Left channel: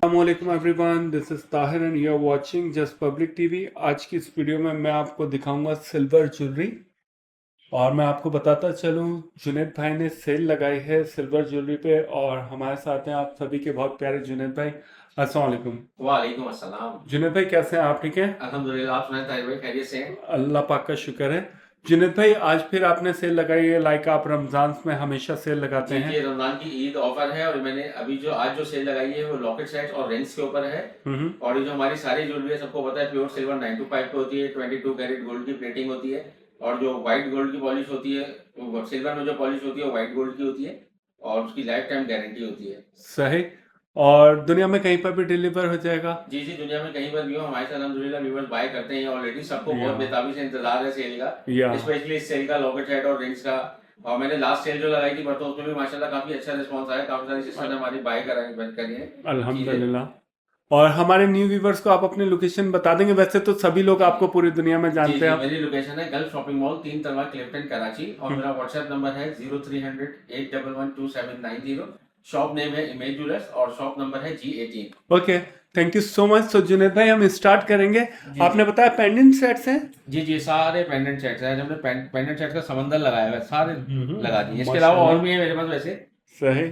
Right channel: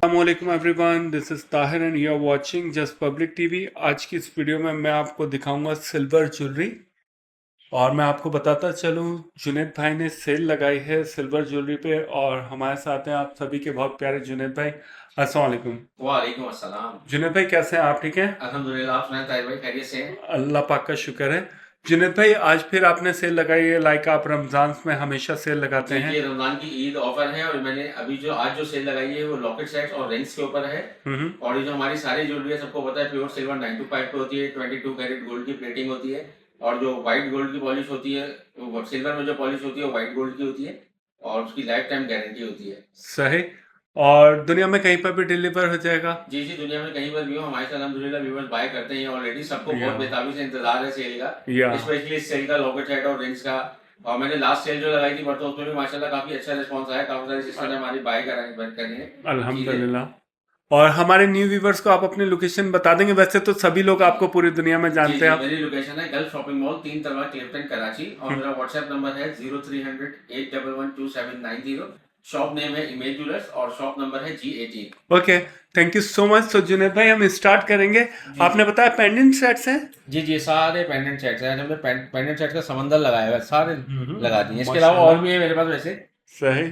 अस्सलामुअलैकुम everyone, this is Tahir and you are watching just public TV. आज की इस वीडियो में मैं आपको दिखाऊंगा सिल्वर ज्वेलरी। और मैं आपको बताता चलूं, जुनैद भाई ने सेल लगाई है सिल्वर ज्वेलरी पे। और हमारे साथ हैं आप सभी के बहुत प्यारे जुनैद भाई। अस्सलाम वालेकुम। वालेकुम अस्सलाम। जुनैद भाई कैसे हैं आप? ठीक हैं? अल्हम्दुलिल्लाह, आप सुनाए ताहिर भाई, खैरियत से हैं? अल्लाह पाक का शुक्र है। जुनैद भाई, आज फिर आपने सेल लगाई है, लाइक आप रमज़ान में हमेशा सेल लगाते जी हैं। जी, रमजान की ईद ऑफर है और मैंने अभी जो आज जो सेल लगाई है वो लॉकेट सेट्स और रिंग्स के ऊपर है। हम्म। और ये जो हमारी सारी ज्वेलरी है सबको पता है प्योर सिल्वर 925 पे होती है, 22 कैरेट गोल्ड की प्लेटिंग होती है। और जो व्हाइट गोल्ड की पॉलिश होती है, वो सिल्वर में जो पॉलिश होती है वो व्हाइट गोल्ड की होती है और उसकी लाइफ टाइम गारंटी होती है। सही। और दुनिया में कहीं पर भी डिलीवर हो जाएगा? जी जी, दुनिया में कहीं पर भी हो हमारे से अल्हम्दुलिल्लाह व्यूअर्स बाय करते हैं ऑलरेडी। सबको या बहुत बेताबी से इंतजार है सेल का, या स्पेशली इस सेल का लॉकेट सेट और रिंग्स का। और मैंने लास्ट सेल जो लगाई थी परसों, उसमें भी माशाल्लाह काफी अच्छा रिस्पांस आया, काफी सारी सिस्टर ने हमारी बाय करी है चीजें। अल्हम्दुलिल्लाह। और हमारे न्यू व्यूवर्स को आप अपनी लोकेशन बता देंगे? वैसे तो सभी लोग आपको पूरी दुनिया में जी जानते जी, हैं आप। मेरी लोकेशन है गल्फ शॉपिंग मॉल, 3 तलवा, क्लिफ्टन, कराची। और मेरा व्हाट्सएप नंबर है 0300 811 2790। शॉप नेम है इमेज ज्वेलर्स और शॉप नंबर है G18। Okay, thank you so much. तो जुनेद भाई, हम स्टार्ट करेंगे। आपने बताया पेंडेंट सेट्स हैं। जी जी, सारे पेंडेंट सेट्स हैं, हमने पेंडेंट सेट्स का समंदर लगाया हुआ है, सारे लगा दिए। इसके अलावा और माशाल्लाह। भी है मेरे पास वैसे। सही।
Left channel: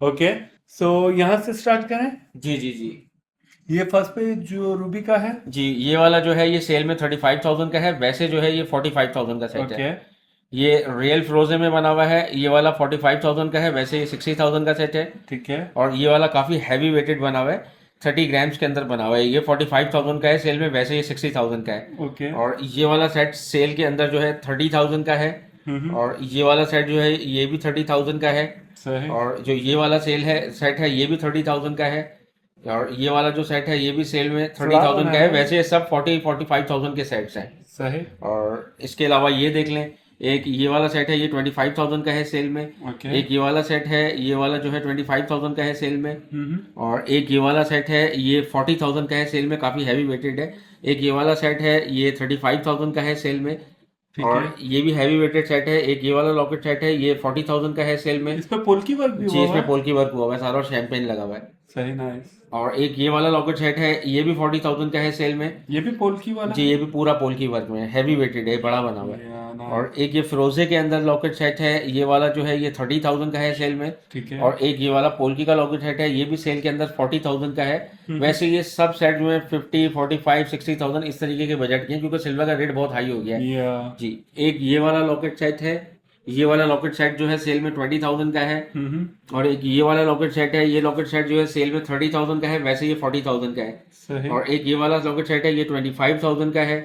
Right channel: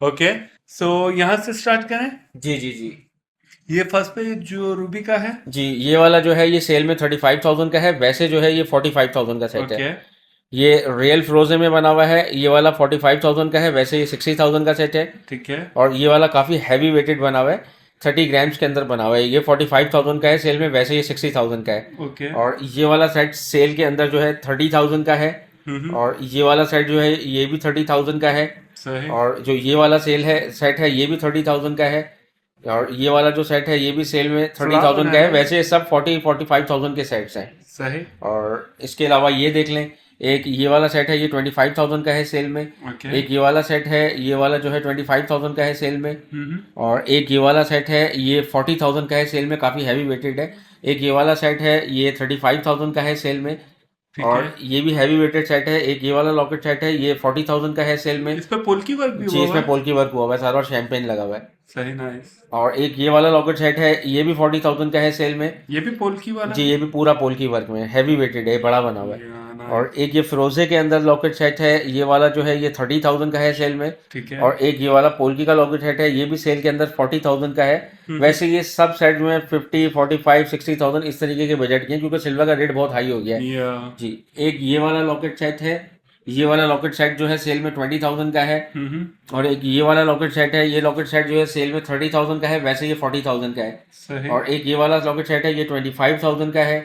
ओके, सो यहाँ से स्टार्ट करें। जी जी जी ये फर्स्ट पे जो रूबी का है। जी, ये वाला जो है ये सेल में 35,000 का है, वैसे जो है ये 45,000 का सेट है। ओके। ये रियल फ्रोजे में बना हुआ है, ये वाला 45,000 का है, वैसे ये 60,000 का सेट है। ठीक है। और ये वाला काफ़ी हैवी वेटेड बना हुआ है, 30 ग्राम्स के अंदर बना हुआ है। ये 45,000 का है सेल में, वैसे ये 60,000 का है। ओके। और ये वाला सेट सेल के अंदर जो है 30,000 का है। और ये वाला सेट जो है ये भी 30,000 का है। सही। और जो ये वाला सेट है ये भी 30,000 का है। और ये वाला जो सेट है ये भी सेल में सलाह 30,000 का है, बनाया। वैसे ये सब 45,000 के सेट्स हैं। सही। और इसके अलावा ये देख लें, एक ये वाला सेट है, ये 25,000 का है सेल में। ओके। एक ये वाला सेट है, ये वाला जो है 25,000 का है सेल में। और एक ये वाला सेट है, ये 40,000 का है सेल में, काफ़ी हैवी वेटेड है। एक ये वाला सेट है, ये 35,000 का है सेल में। ठीक है। और ये भी हैवी वेटेड सेट है। एक ये वाला लॉकेट सेट है, ये 40,000 का है सेल में। इस पे पोल की वर्क भी जी, हुआ हुआ इसमें है। पोल की वर्क हुआ हुआ है सारा और शैंपेन लगा हुआ है। सही, नाइस। और एक ये वाला लॉकेट सेट है, ये भी 40,000 का है सेल में। ये भी पोल की वाला जी, ये भी पूरा पोल की वर्क में हैवी वेटेड है, बड़ा बना हुआ है। या और नाइस। एक ये फिरोजे के अंदर लॉकेट सेट है, ये वाला जो है ये 30,000 का है सेल में। ठीक है। और एक ये वाला पोल्की का लॉकेट सेट है, ये भी सेल के अंदर 40,000 का है। वैसे ये सब सेट जो है 50, 45, 60,000 इस तरीके के बजट के हैं, क्योंकि सिल्वर का रेट बहुत हाई हो गया है। या जी, एक ये वाला लॉकेट सेट है, ये वाला लॉकेट सेट जो है सेल में 20,000 का है। और एक ये वाला लॉकेट सेट है, ये लॉकेट सेट जो है सेल में 30,000 का है, वैसे ये 40,000 का है। सही। और एक ये वाला लॉकेट सेट है, ये 25,000 का है।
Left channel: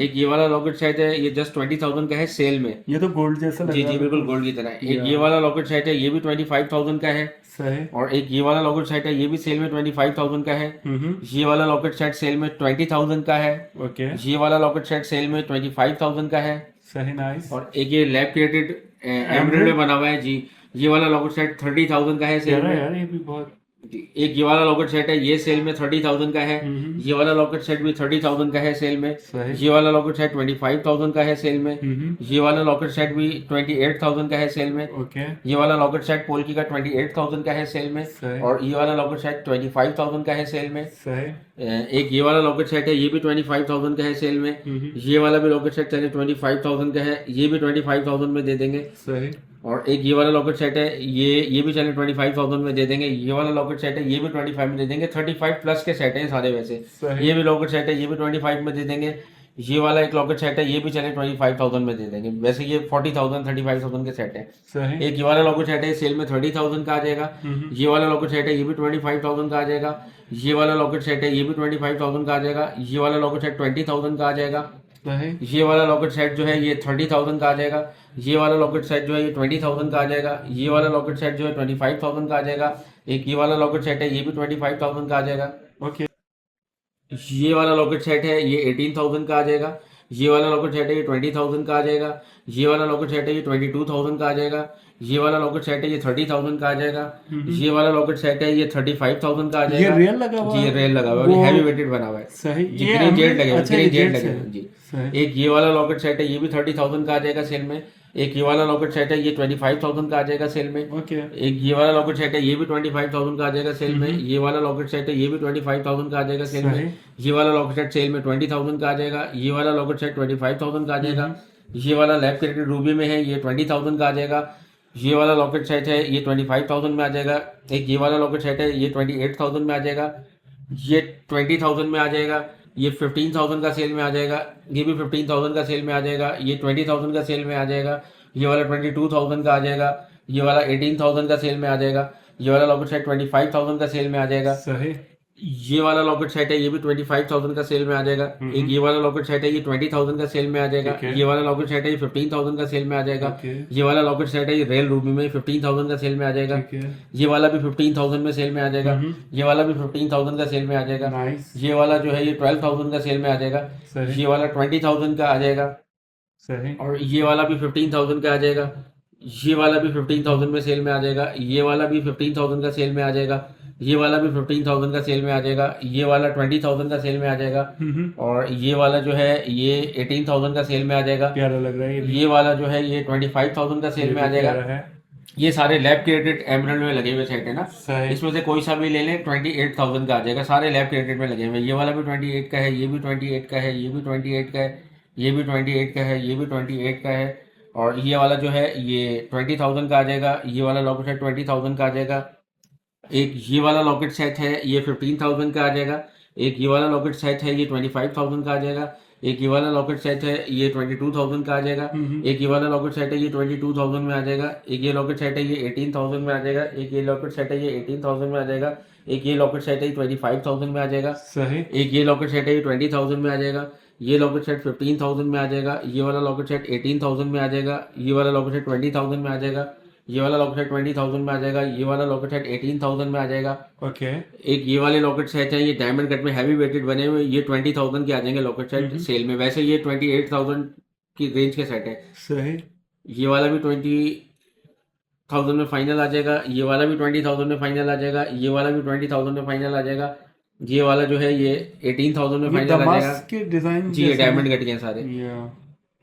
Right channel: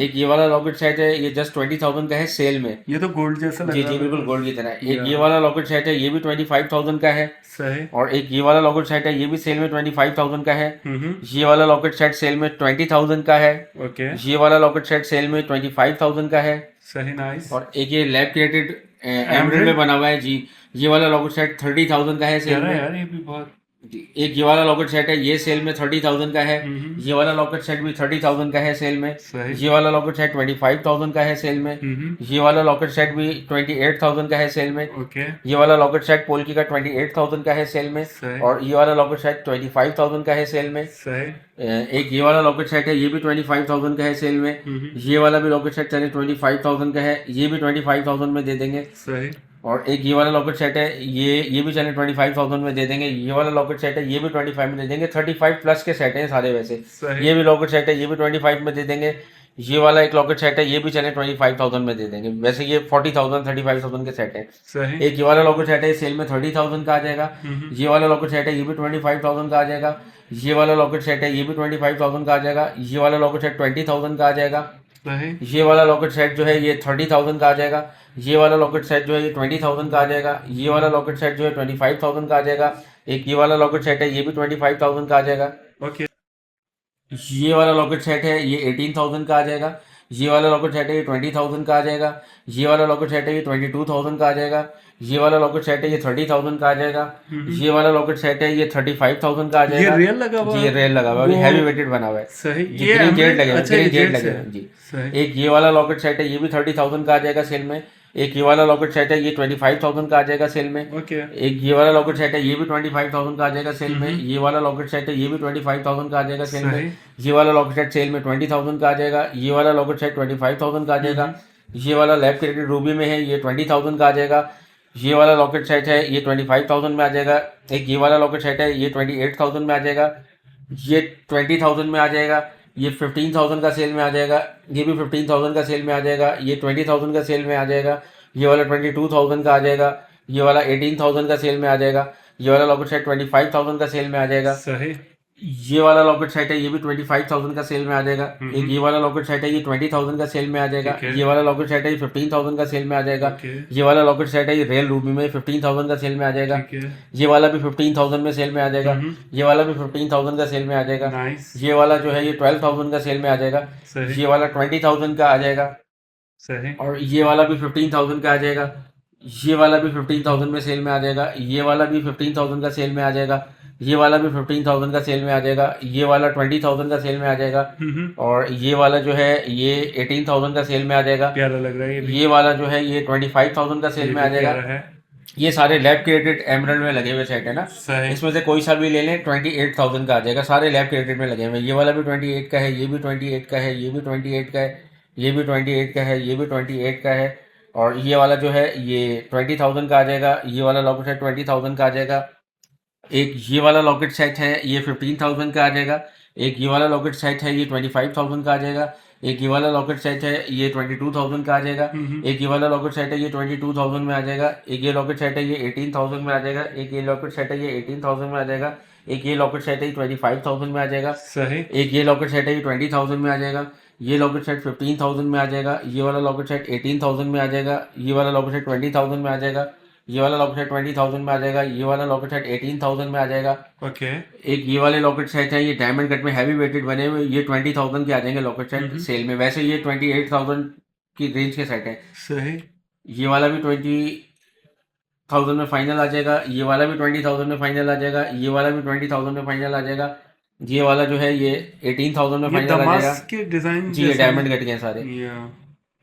एक ये वाला लॉकेट सेट है, ये जस्ट 20,000 का है सेल में। ये तो गोल्ड जैसा लग जी रहा जी, है बिल्कुल बिल्कुल। गोल्ड की तरह। एक या ये वाला लॉकेट सेट है, ये भी 25,000 का है। सही। और एक ये वाला लॉकेट सेट है, ये भी सेल में 25,000 का है। ये वाला लॉकेट सेट सेल में 20,000 का है। ओके। ये वाला लॉकेट सेट सेल में 25,000 का है। सही, नाइस। और एक ये लैब क्रिएटेड एमराल्ड एमराल्ड में बना हुआ है जी, ये वाला लॉकेट सेट 30,000 का है सेल यार में। यार, ये भी बहुत। एक ये वाला लॉकेट सेट है, ये सेल में 30,000 का है। ये वाला लॉकेट सेट भी 30,000 का है सेल में। सही। ये वाला लॉकेट सेट 25,000 का है सेल में। ये वाला लॉकेट सेट भी 28,000 का है सेल में। ओके। ये वाला लॉकेट सेट पोल्की का 28,000 का है सेल में। सही। और ये वाला लॉकेट सेट 25,000 का है सेल में। सही। एक ये वाला लॉकेट सेट है, ये भी 25,000 का है सेल में। ये वाला भी लॉकेट सेट चले 25,000 का है, ये भी 25,000 में दे देंगे। सही। और एक ये वाला लॉकेट सेट है, ये भी चले 25,000 में दे देंगे। ये वाला लॉकेट सेट है, ये भी 25 में दे देंगे। 35 प्लस के सेट हैं सारे वैसे। सही। ये भी लॉकेट सेट है, ये भी 25 में दे देंगे। ये वाला एक लॉकेट सेट है, ये भी चले 25,000 में दे देंगे। वैसे ये 40,000, 35,000 के सेट है। सही। एक ये वाला लॉकेट सेट है, सेल में 30,000 का आ जाएगा। ये वाला लॉकेट सेट है, ये भी 25,000 का आ जाएगा। ये वाला लॉकेट सेट है, ये भी 25,000 का आ जाएगा। ये वाला लॉकेट सेट 20,000 का आ जाएगा। सही। ये वाला लॉकेट सेट जो है ये 30,000 का आ जाएगा। ये वाला लॉकेट सेट जो है ये 20,000 का आ जाएगा। ये वाला लॉकेट सेट जो है 25,000 का आ जाएगा। एक ये वाला लॉकेट सेट है, ये भी 25,000 का आ जाएगा। ओके। ये वाला लॉकेट सेट है, ये 18,000 का आ जाएगा। ये वाला लॉकेट सेट है, ये 20,000 का आ जाएगा। ये वाला लॉकेट सेट है, ये 22,000 का आ जाएगा। ये वाला लॉकेट सेट है, ये 30,000 का आ जाएगा। ये वाला लॉकेट सेट है, ये 35,000 का आ ये जाएगा। रियल लगा हुआ जी, ये है? रियल लगा हुआ है, वो हैवी वेटेड बना हुआ है। सही। जी, ये ग्रीन जेड एमराल्ड, लगे हुए, अच्छा, ये ग्रीन जेड जेड लगे से हुए है। हैं, जी। सही। एक ये वाला लॉकेट सेट है, ये भी 30,000 का आ जाएगा सेल में। एक ये वाला लॉकेट सेट है, ये 25,000 का आ जाएगा सेल में। ओके। एक ये वाला लॉकेट सेट है, ये भी 25,000 का आ जाएगा सेल में। ये वाला लॉकेट सेट है, ये भी 25,000 का आ जाएगा सेल सही। में। ये वाला लॉकेट सेट सेल में 20,000 का आ जाएगा। ये वाला लॉकेट सेट 25,000 का आ जाएगा। ये वाला लैब क्रिएटेड रूबी में है, ये 20,000 का आ जाएगा। ये वाला लॉकेट सेट है, ये 25,000 में आ जाएगा। एक ये वाला लॉकेट सेट है, ये 28,000 में आ जाएगा। ये 20,000 में आ जाएगा। ये 15,000 का सेल में आ जाएगा। ये भी 15,000 का सेल में आ जाएगा। ये 20,000 का सेल में आ जाएगा। ये वाला 22,000 का आ जाएगा। ये वाला 18,000 का सेल में आ जाएगा। ये वाला लॉकेट सेट 25,000 का सेल में आ जाएगा। सही। ये वाला लॉकेट सेट है, ये भी 25,000 का सेल में आ जाएगा। एक ये वाला लॉकेट सेट है, ये 20,000 का सेल में आ जाएगा। ठीक है। ये वाला लॉकेट सेट है, ये 15,000 का सेल में आ जाएगा। ओके। ये वाला लॉकेट सेट है, ये रियल रूबी में 15,000 का सेल में आ जाएगा। ठीक है। ये वाला भी 15,000 में सेल में आ जाएगा। ये वाला भी 15,000 का सेल में आ जाएगा। नाइस। ये वाला जो है, ये 12,000 का सेल में आ जाएगा। सही। ये वाला 20,000 का आ जाएगा। सही। और ये वाला भी 15,000 का आ जाएगा। ये वाला भी 15,000 में सेल में आ जाएगा। ये वाला भी 15,000 का सेल में आ जाएगा। ये वाला भी 15,000 का सेल में आ जाएगा। ये वाला 20,000 का सेल में आ जाएगा। और ये वाला जो है, ये 18,000 का सेल में आ जाएगा। प्यारा लग रहा है ये भी। ये वाला जो है, ये 25,000 का सेल ये में आ भी प्यारा जाएगा। है। ये सारे लैब क्रिएटेड एमराल्ड में लगे हुए सेट है ना। सही। इसमें से कोई सा भी ले लें 28,000 का आ जाएगा। सारे लैब क्रिएटेड में लगे हुए हैं। ये वाला भी 28 का है, ये भी 28 का है, ये भी 28 का है, ये भी 28 का है, ये भी 28 का है। और ये वाला जो है, ये 20,000 का आ जाएगा। ये वाला लॉकेट सेट 20,000 का आ जाएगा। एक ये वाला लॉकेट सेट है, ये 15,000 का आ जाएगा। एक ये वाला लॉकेट सेट है, ये 25,000 का आ जाएगा। एक ये वाला लॉकेट सेट है, ये 22,000 का आ जाएगा। एक ये वाला लॉकेट सेट है, ये 22,000 में आ जाएगा। एक ये लॉकेट सेट है, ये 18,000 में आ जाएगा। एक ये लॉकेट सेट है, ये 18,000 में आ जाएगा। एक ये लॉकेट सेट है, ये 25,000 में आ जाएगा। सही। एक ये लॉकेट सेट है, ये 20,000 में आ जाएगा। ये लॉकेट सेट 15,000 में आ जाएगा। ये वाला लॉकेट सेट 18,000 में आ जाएगा। ये वाला लॉकेट सेट 20,000 में आ जाएगा। ये वाला लॉकेट सेट 20,000 में आ जाएगा। ये वाला लॉकेट सेट 18,000 में आ जाएगा। ओके। एक ये वाले लॉकेट सेट है, ये डायमंड कट में हैवी वेटेड बने हुए, ये 20,000 के आ जाएंगे लॉकेट सेट सेल में। वैसे ये 28,000 की रेंज के सेट है। सही। ये वाला भी 20,000 में फाइनल आ जाएगा। ये वाला भी 20,000 में फाइनल आ जाएगा। ये वाला भी 20,000 में फाइनल आ जाएगा। ये वाला जो है, ये 18,000 में ये फाइनल आ दमास जाएगा। के डिजाइन जी, ये डायमंड कट के हैं सारे।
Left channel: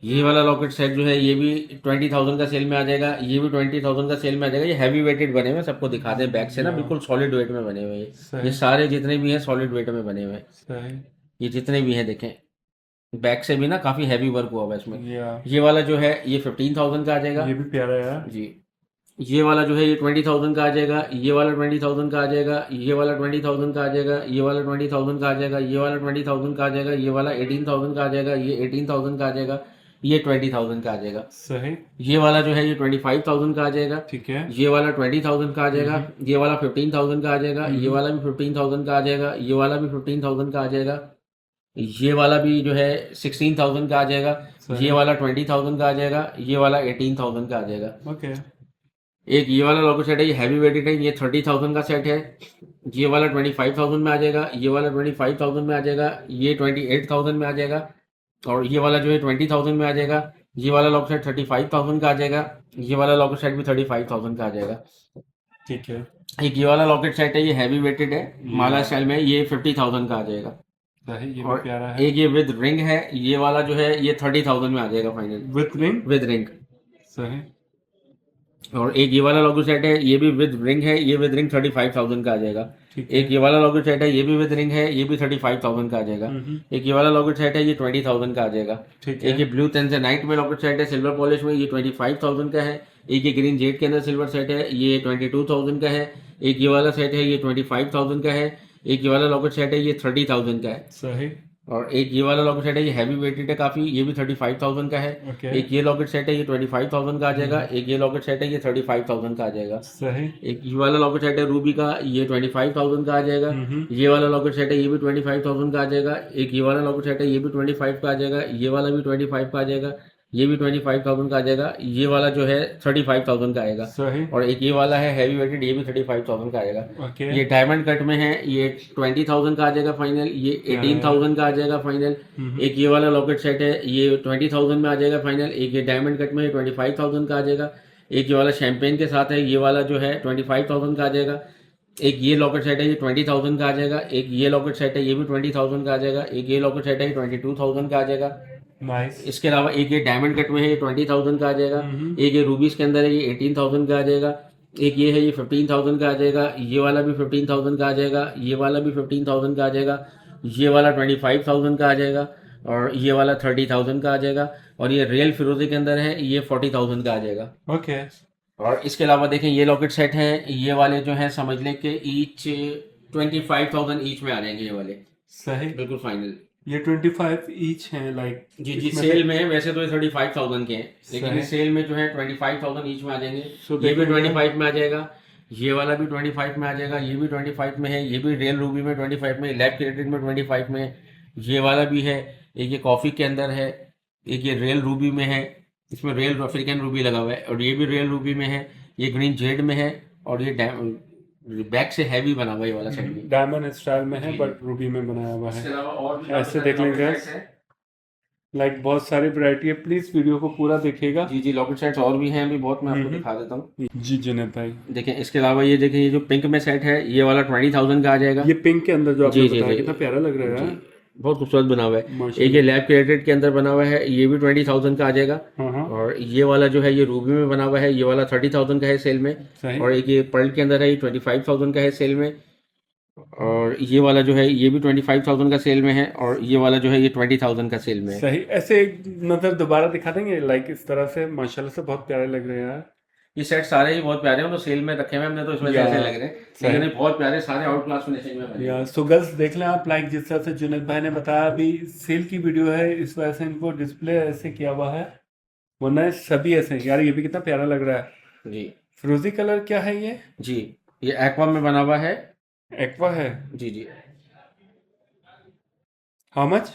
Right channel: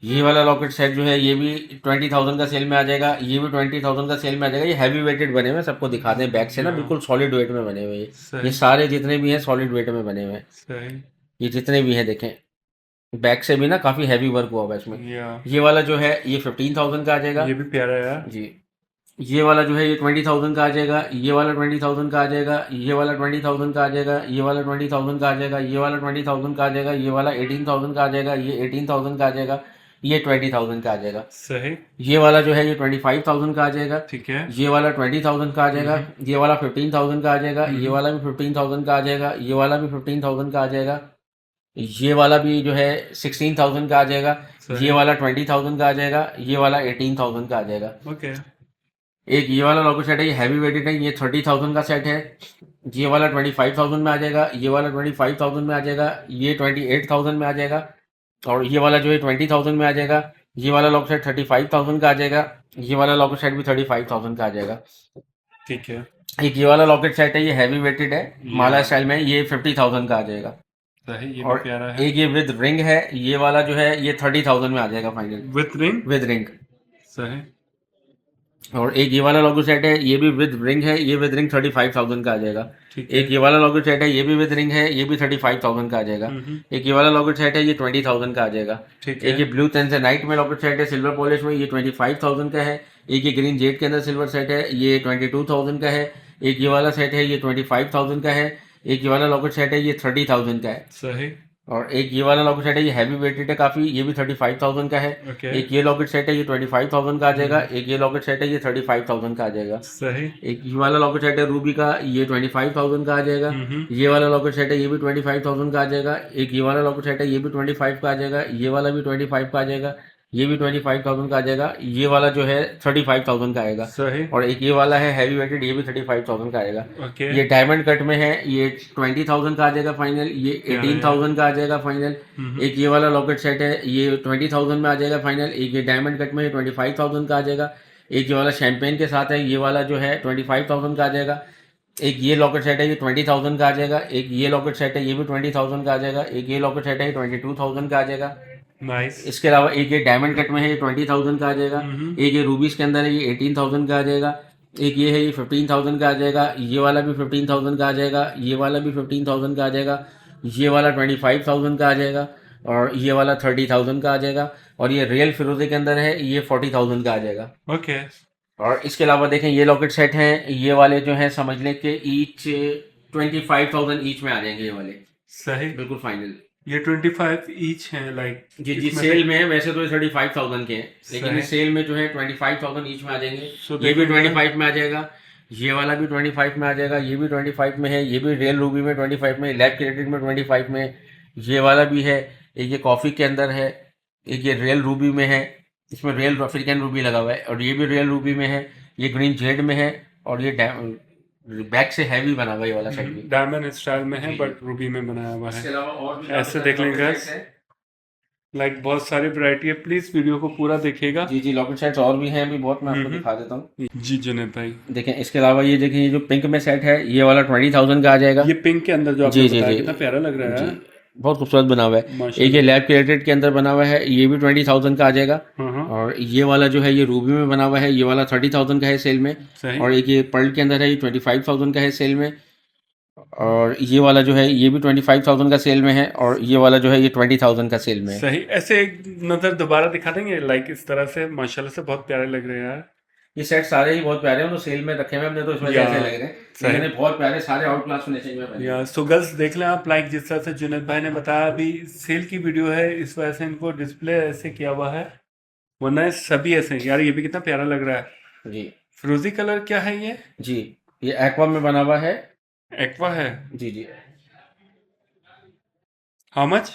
ये वाला लॉकेट सेट जो है, ये भी 20,000 का सेल में आ जाएगा। ये भी 20,000 का सेल में आ जाएगा। ये हैवी वेटेड बने हुए हैं, सबको दिखाते हैं बैक से ना, बिल्कुल सॉलिड वेट में बने हुए हैं। ये सारे जितने भी हैं सॉलिड वेट में बने हुए हैं। सही। ये जितने भी हैं देखें, बैक से भी ना काफी हैवी वर्क हुआ हुआ है इसमें। ये वाला जो है, ये 15,000 का आ जाएगा। ये भी प्यारा है यार। जी। ये वाला जो है, ये 20,000 का आ जाएगा। ये वाला 20,000 का आ जाएगा। ये वाला 20,000 का आ जाएगा। ये वाला 20,000 का आ जाएगा। ये वाला 20,000 का आ जाएगा। ये वाला 18,000 का आ जाएगा। ये 18,000 का आ जाएगा। ये 20,000 का आ जाएगा। सही। ये वाला जो है, ये 25,000 का आ जाएगा। ठीक है। ये वाला 20,000 का आ जाएगा। ये वाला 15,000 का आ जाएगा। ये वाला भी 15,000 का आ जाएगा। ये वाला भी 15,000 का आ जाएगा। ये वाला भी जो है 16,000 का आ जाएगा। ये वाला 20,000 का आ जाएगा। ये वाला 18,000 का आ जाएगा। ओके। एक ये वाला लॉकेट सेट है, ये हैवी वेटेड है, ये 30,000 का सेट है। ये वाला 25,000 में आ जाएगा। ये वाला 25,000 में आ जाएगा। ये 28,000 में आ जाएगा। और ये वाला जो है 20,000 में आ जाएगा। ये वाला लॉकेट सेट 35,000 का आ जाएगा। ये वाला लॉकेट सेट भी 35,000 का आ जाएगा। ठीक है। एक ये वाला लॉकेट सेट है, ये हैवी वेटेड है, माला स्टाइल में, ये 50,000 का आ जाएगा। सही। ये भी और प्यारा है। एक ये विद रिंग है, ये वाला जो है, ये 30,000 में आ जाएगा final with ring. With ring. सही। और एक ये वाला लॉकेट सेट है, ये भी विद रिंग है, ये विद रिंग 35,000 का आ जाएगा। ठीक है। एक ये वाला लॉकेट सेट है, ये भी विद रिंग है, ये भी 35,000 का आ जाएगा। एक ये वाला लॉकेट सेट है, ये 20,000 का आ जाएगा। ठीक है। एक ये ब्लू टेंसनाइट में लॉकेट सेट है, सिल्वर पॉलिश में, ये 25,000 का है। एक ये ग्रीन जेड के अंदर सिल्वर सेट है, ये 22,000 का है। एक ये वाला सेट है, ये 25,000 का है। एक ये वाला लॉकेट सेट है, ये 30,000 का है। सही। और एक ये वाला लॉकेट सेट है, ये हैवी वेटेड है काफी, ये भी 35,000 का है। ओके। एक ये लॉकेट सेट है, ये 25,000 का आ जाएगा। एक ये लॉकेट सेट है, ये 35,000 का आ जाएगा। सही। एक ये वाला लॉकेट सेट है रूबी का, ये 25,000 का आ जाएगा। ये वाला लॉकेट सेट है, ये भी 25,000 का आ जाएगा। एक ये वाला लॉकेट सेट है, ये भी 25 का आ जाएगा। ये वाला भी 25 का आ जाएगा। ये भी 25,000 का आ जाएगा। ये वाला जो है 35,000 का आएगा। सही। और एक ये वाला है हैवी वेटेड, ये भी 35,000 का आएगा। ओके। ये डायमंड कट में है, ये 20,000 का आ जाएगा फाइनल। ये 18,000 का आ जाएगा फाइनल। एक ये वाला लॉकेट सेट है, ये 20,000 में आ जाएगा फाइनल। एक ये डायमंड कट में 25,000 का आ जाएगा। एक ये वाला शैंपेन के साथ है, ये वाला जो है 25,000 का आ जाएगा। एक ये लॉकेट सेट है, ये 20,000 का आ जाएगा। एक ये लॉकेट सेट है, ये भी 20,000 का आ जाएगा। एक ये लॉकेट सेट है, ये 22,000 का आ जाएगा। नाइस। इसके अलावा एक ये डायमंड कट में है, ये 20,000 का आ जाएगा। एक ये रूबीज के अंदर है, ये 18,000 का आ जाएगा। एक ये है, ये 15,000 का आ जाएगा। ये वाला भी 15,000 का आ जाएगा। ये वाला भी 15,000 का आ जाएगा। ये वाला 25,000 का आ जाएगा। और ये वाला 30,000 का आ जाएगा। और ये रियल फिरोजी के अंदर है, ये 40,000 का आ जाएगा। ओके। और इसके अलावा देखें, ये लॉकेट सेट हैं, ये वाले जो हैं समझ लें कि ईच 25,000 ईच में आ जाएंगे ये वाले, सही। बिल्कुल फाइनल। ये 25 ईच हैं लाइक। जी जी, इसमें सेल से में है, वैसे तो ये 35,000 के हैं, लेकिन ये सही। सेल में जो है 25,000 ईच में आ जाएंगे। सो ये भी देखेंगे 25 में आ जाएगा। ये वाला भी 25 में आ जाएगा। ये भी 25 में है। ये भी रियल रूबी में 25 में, लैब क्रेडिट में 25 में। ये वाला भी है। एक ये कॉफ़ी के अंदर है। एक ये रियल रूबी में है, इसमें रियल अफ्रीकन रूबी लगा हुआ है। और ये भी रियल रूबी में है। ये ग्रीन जेड में है। और ये बैक से हैवी बना हुआ है ये वाला सेट भी। डायमंड स्टाइल में है जी। बट रूबी में बनाया हुआ इसके है। अलावा और भी ऐसे काफी देख सारे लेंगे लॉकेट guys। सेट्स हैं। लाइक बहुत सारी वैरायटी है, प्लीज वीडियो को पूरा देखिएगा। जी जी, लॉकेट सेट्स और भी हैं, अभी बहुत, मैं आपको दिखा देता हूँ। जी जुनेद भाई। देखें, इसके अलावा ये देखें, ये जो पिंक में सेट है, ये वाला 20,000 का आ जाएगा। ये पिंक के अंदर जो आपने जी जी बताया जी कितना प्यारा लग रहा है। जी, बहुत खूबसूरत बना हुआ है। एक ये माशाल्लाह। लैब क्रिएटेड के अंदर बना हुआ है, ये भी 20,000 का आ जाएगा। हाँ हाँ। और ये वाला जो है, ये रूबी में बना हुआ है, ये वाला 30,000 का है सेल में। सही। और एक ये पर्ल के अंदर है, ये 25,000 का है सेल में। और ये वाला जो है, ये भी 25,000 का सेल में है। और ये वाला जो है, ये 20,000 का सेल में है। सही। ऐसे एक नजर दोबारा दिखा देंगे लाइक इस तरह से, माशाल्लाह से बहुत प्यारे लग रहे हैं यार। ये सेट सारे ही बहुत प्यारे हैं, तो सेल में रखे हुए हमने, तो इसमें से या ऐसे लग रहे हैं। सही। मैंने बहुत प्यारे सारे आउट क्लास फिनिशिंग में बने हैं। या सो गर्ल्स देख लें आप, लाइक जिस तरह से जुनेद भाई ने बताया, अभी सेल की वीडियो है इस वजह से इनको डिस्प्ले ऐसे किया हुआ है, वरना ये सभी ऐसे हैं। यार ये भी कितना प्यारा लग रहा है। जी फिरोजी कलर क्या है ये? जी, ये एक्वा में बना हुआ है। एक्वा है। जी जी, हाउ मच?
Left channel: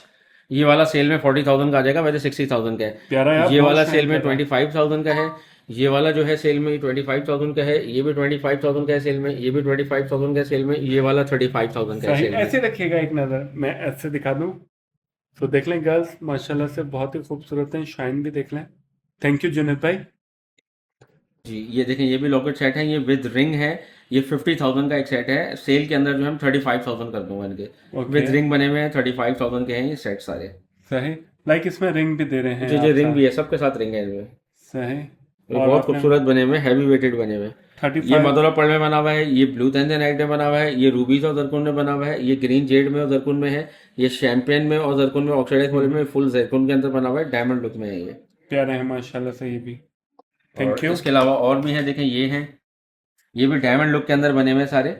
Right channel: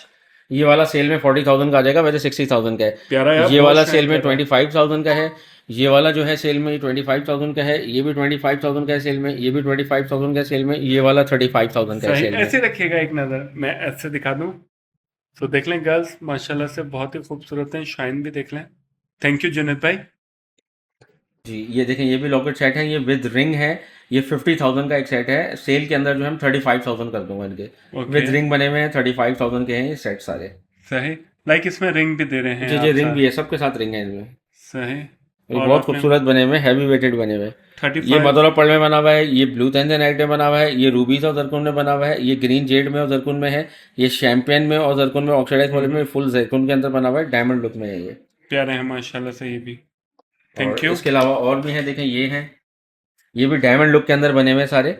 ये वाला सेल में 40,000 का आ जाएगा, वैसे 60,000 का है। प्यारा यार, ये बहुत वाला शाइन सेल में कर रहा है। 25,000 का है। ये वाला जो है सेल में 25,000 का है। ये भी 25,000 का है सेल में। ये भी 25,000 का है सेल में। ये वाला 35,000 का है सही। सेल ऐसे में। रखिएगा एक नज़र, मैं ऐसे दिखा दूं तो देख लें गर्ल्स, माशाल्लाह से बहुत ही खूबसूरत हैं, शाइन भी देख लें। थैंक यू जुनेद भाई। जी, ये देखिए, ये भी लॉकेट सेट है, ये विद रिंग है। ये 50,000 का एक सेट है। सेल के अंदर जो है हम 35,000 कर दूंगा इनके। ओके। विद रिंग बने हुए हैं, 35,000 के हैं ये सेट सारे। सही। लाइक इसमें रिंग भी दे रहे हैं जी जी, आप रिंग साथ। भी है, सबके साथ रिंग है इनमें। सही। ये और बहुत आपने खूबसूरत बने हुए हैं, हैवी वेटेड बने हुए हैं। ये 35। मदोरा पर्ल में बना हुआ है। ये ब्लू तैंजनाइट में बना हुआ है। ये रूबीज और जरकुन में बना हुआ है। ये ग्रीन जेड में और जरकुन में है। ये शैंपेन में और जरकुन में, ऑक्सीडाइज पॉलिश में, फुल जरकुन के अंदर बना हुआ है। डायमंड लुक में है ये। प्यारे हैं माशाल्लाह से ये भी। थैंक और यू। इसके अलावा और भी हैं, देखें ये हैं। ये भी डायमंड लुक के अंदर बने हुए हैं सारे।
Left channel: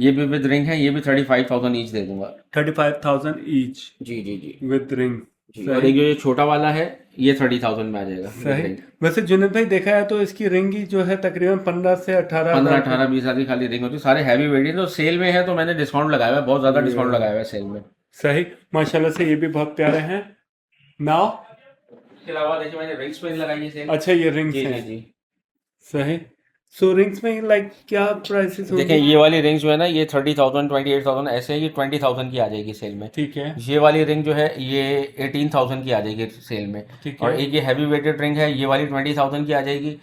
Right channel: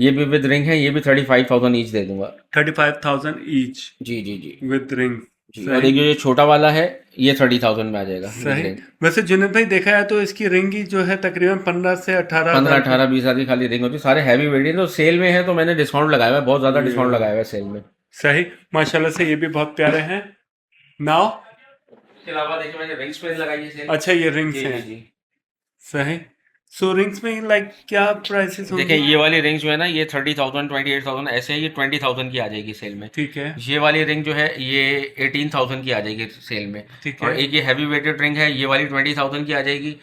ये भी विद रिंग है। ये भी 35,000 ईच दे दूंगा। 35,000 ईच जी जी जी विद रिंग। जी। और सही। एक ये छोटा वाला है, ये 30,000 में आ जाएगा विद सही। रिंग। वैसे जुनेद भाई देखा है तो इसकी रिंग ही जो है तकरीबन 15 से 18 15, हज़ार 18, 20 हज़ार की खाली रिंग होती है। सारे हैवी वेरिएंट तो सेल में है, तो मैंने डिस्काउंट लगाया हुआ है, बहुत ज़्यादा डिस्काउंट लगाया हुआ है सेल में। सही। माशाल्लाह से ये भी बहुत प्यारे हैं। नाउ इसके अलावा देखिए, मैंने रिंग्स पे लगाई है सेल। अच्छा ये रिंग्स जी हैं। जी जी। सही। सो रिंग्स में लाइक क्या प्राइसेस देखिए, होंगे? ये वाली रिंग जो है ना, ये 30,000, 28,000 ऐसे है। ये 20,000 की आ जाएगी सेल में। ठीक है। ये वाली रिंग जो है, ये 18,000 की आ जाएगी सेल में। ठीक और है। एक ये हैवी वेटेड रिंग है, ये वाली 20,000 की आ जाएगी।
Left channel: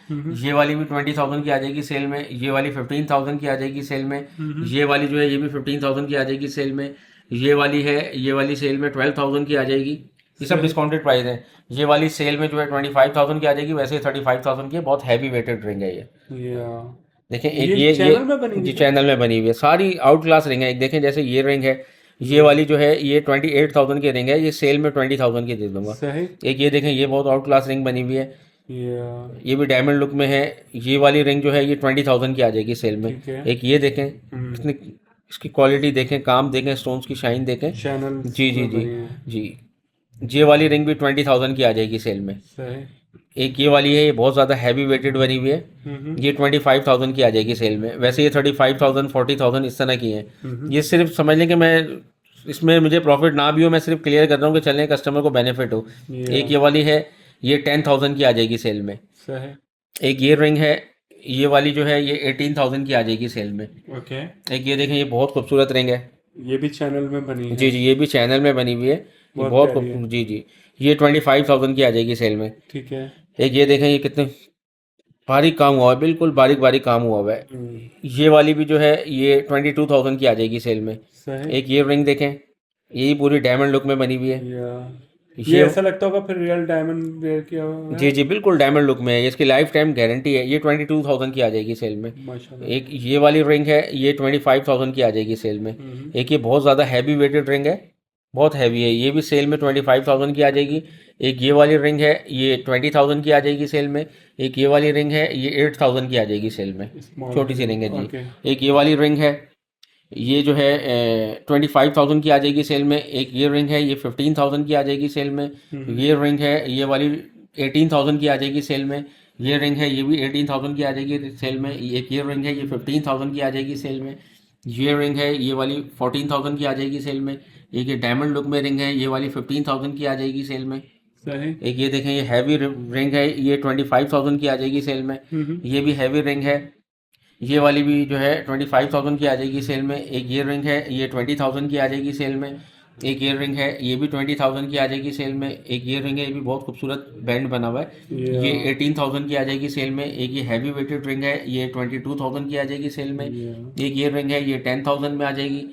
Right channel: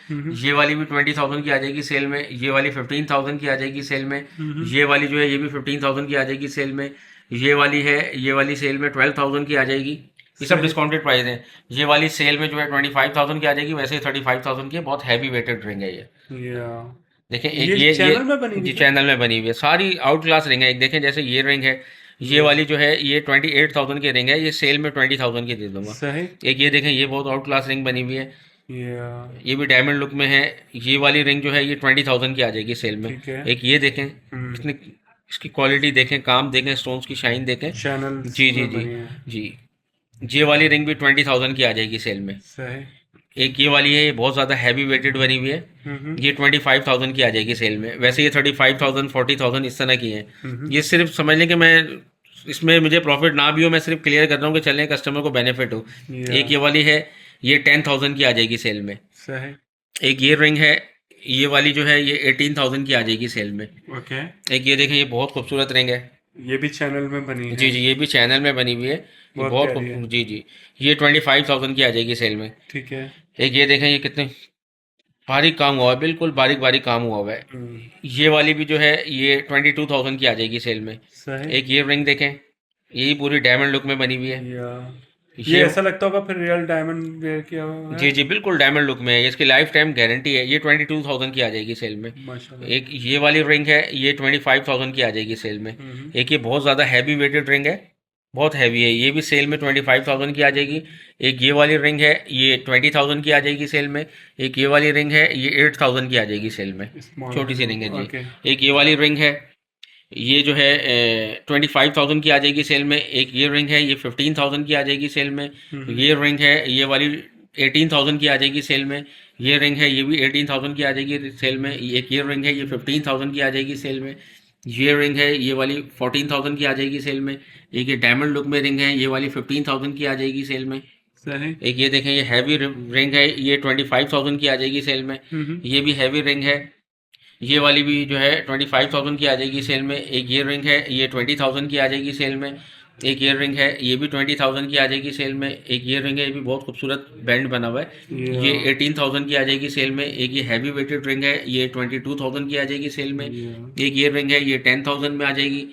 ये वाली भी 20,000 की आ जाएगी सेल में। ये वाली 15,000 की आ जाएगी सेल में। ये वाली जो है, ये भी 15,000 की आ जाएगी सेल में। ये वाली है, ये वाली सेल में 12,000 की आ जाएगी। ये सब सही। डिस्काउंटेड प्राइस है। ये वाली सेल में जो है 25,000 की आ जाएगी, वैसे 35,000 की है। बहुत हैवी वेटेड रिंग है ये। या देखें, एक ये चैनल में बनी हुई जी है? चैनल में बनी हुई है, सारी आउट क्लास रिंग है। एक देखें, जैसे ये रिंग है, ये वाली जो है, ये 28,000 की रिंग है। ये सेल में 20,000 की दे दूंगा। सही। एक ये देखें, ये बहुत आउट क्लास रिंग बनी हुई है। या ये भी डायमंड लुक में है। ये वाली रिंग जो है, ये 20,000 की आ जाएगी सेल में। ठीक है। एक ये देखें, कितनी इसकी क्वालिटी देखें, काम देखें, स्टोन्स की शाइन देखें। चैनल जी जी में जी बनी है। जी। ये वाली रिंग भी 20,000 की आ जाएगी सेल में। सही। एक ये वाली है, ये बहुत ज़्यादा हैवी वेटेड बनी हुई है। ये 25,000 की आ जाएगी सेल में। वैसे ये 35,000, 40,000 इस तरह की हैं। ये सिर्फ समझ लें कि मैं इसमें मुझे प्रॉफिट ना भी हो, मैं सिर्फ क्लियर कर रहा हूँ कि चलें कस्टमर को बेनिफिट हो। या एक ये वाली है, ये 10,000 की आ जाएगी सेल में। सही। एक ये रिंग है, ये वाली जो है, ये 18,000 की आ जाएगी सेल में। ओके। एक ये देखें, ये बहुत खूबसूरत रिंग है। ये भी चैनल में बनी जी है। जी, ये भी चैनल में बनी हुई है। ये बहुत बहुत प्यारी है। जी जी, ये 25,000 की आ जाएगी सेल में। ठीक है। एक ये देखें, ये कितने बारीक काम हुआ है, बिल्कुल बारीक बारीक काम हुआ हुआ है। ये वाली भी जो है, ये 22,000 की आ जाएगी सेल में। सही। एक ये रिंग देखें, ये पूरी डायमंड लुक में बनी हुई है। या ये ऐसा लगता होगा फिर रियल डायमंड वेयर किया हुआ है। जी जी बिल्कुल डायमंड लुक में है, इसकी लाइफ टाइम गारंटी है। ये 22,000 की आ जाएगी सेल में। माशाल्लाह। एक ये वाली रिंग है, ये 25,000 की आ जाएगी सेल में। एक ये बहुत ज़्यादा हैवी वेटेड रिंग है, बहुत हैवी है, ये भी सेल में 25,000 की आ जाएगी। एक ये वाली रिंग है, ये 20,000 की आ जाएगी सेल में। एक ये वाली रिंग है, ये 8,000 की आ जाएगी सेल में, स्मॉल छोटी सी रिंग है जी। ओके। एक ये वाली रिंग है, ये जो है 25,000 की आ जाएगी सेल में। एक ये रिंग है, ये 15,000 की आ जाएगी सेल में। ये रिंग है, ये वाली 18,000 की आ जाएगी सेल में। ये रिंग है, ये भी 18,000 की आ जाएगी सेल में। एक ये रिंग है, ये 15,000 की आ जाएगी सेल में। ये रिंग है, ये वाली 14,000 की आ जाएगी सेल में। एक ये डायमंड लुक में रिंग है, ये वाली 15,000 की आ जाएगी सेल में। सही। एक ये देखें, ये हैवी रिंग है, ये 25,000 की आ जाएगी सेल में। ये भी हैवी रिंग है, ये वाली भी जो है 25,000 की आ जाएगी सेल में। एक ये रिंग है, ये 20,000 की आ जाएगी सेल में। एक ये रिंग है, ये भी 20,000 की आ जाएगी सेल में। एक ये रिंग है, ये भी बहुत खूबसूरत बैंड बना हुआ है, ये 18,000 की आ जाएगी सेल में। एक ये हैवी वेटेड रिंग है, ये 22,000 की आ जाएगी सेल में। एक ये रिंग है, ये 10,000 में आ जाएगी।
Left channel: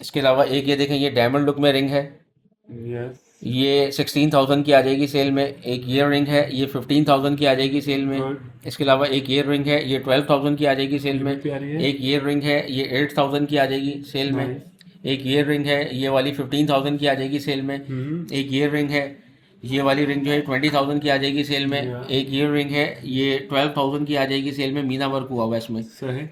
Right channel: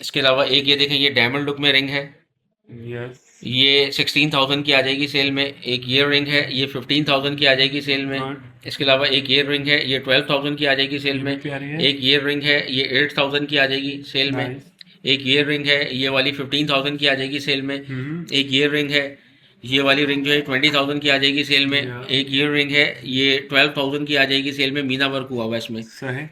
इसके अलावा एक ये देखें, ये डायमंड लुक में रिंग है, यस। ये 16,000 की आ जाएगी सेल में। एक ये रिंग है, ये 15,000 की आ जाएगी सेल में। गुड। इसके अलावा एक ये रिंग है, ये 12,000 की आ जाएगी सेल ये भी में। प्यारी है। एक ये रिंग है, ये 8,000 की आ जाएगी सेल में। नाइस। एक ये रिंग है, ये वाली 15,000 की आ जाएगी सेल में। एक ये रिंग है, ये वाली रिंग जो है 20,000 की आ जाएगी सेल में। Yeah. एक ये रिंग है, ये 12,000 की आ जाएगी सेल में, मीना वर्क हुआ हुआ है इसमें। सही।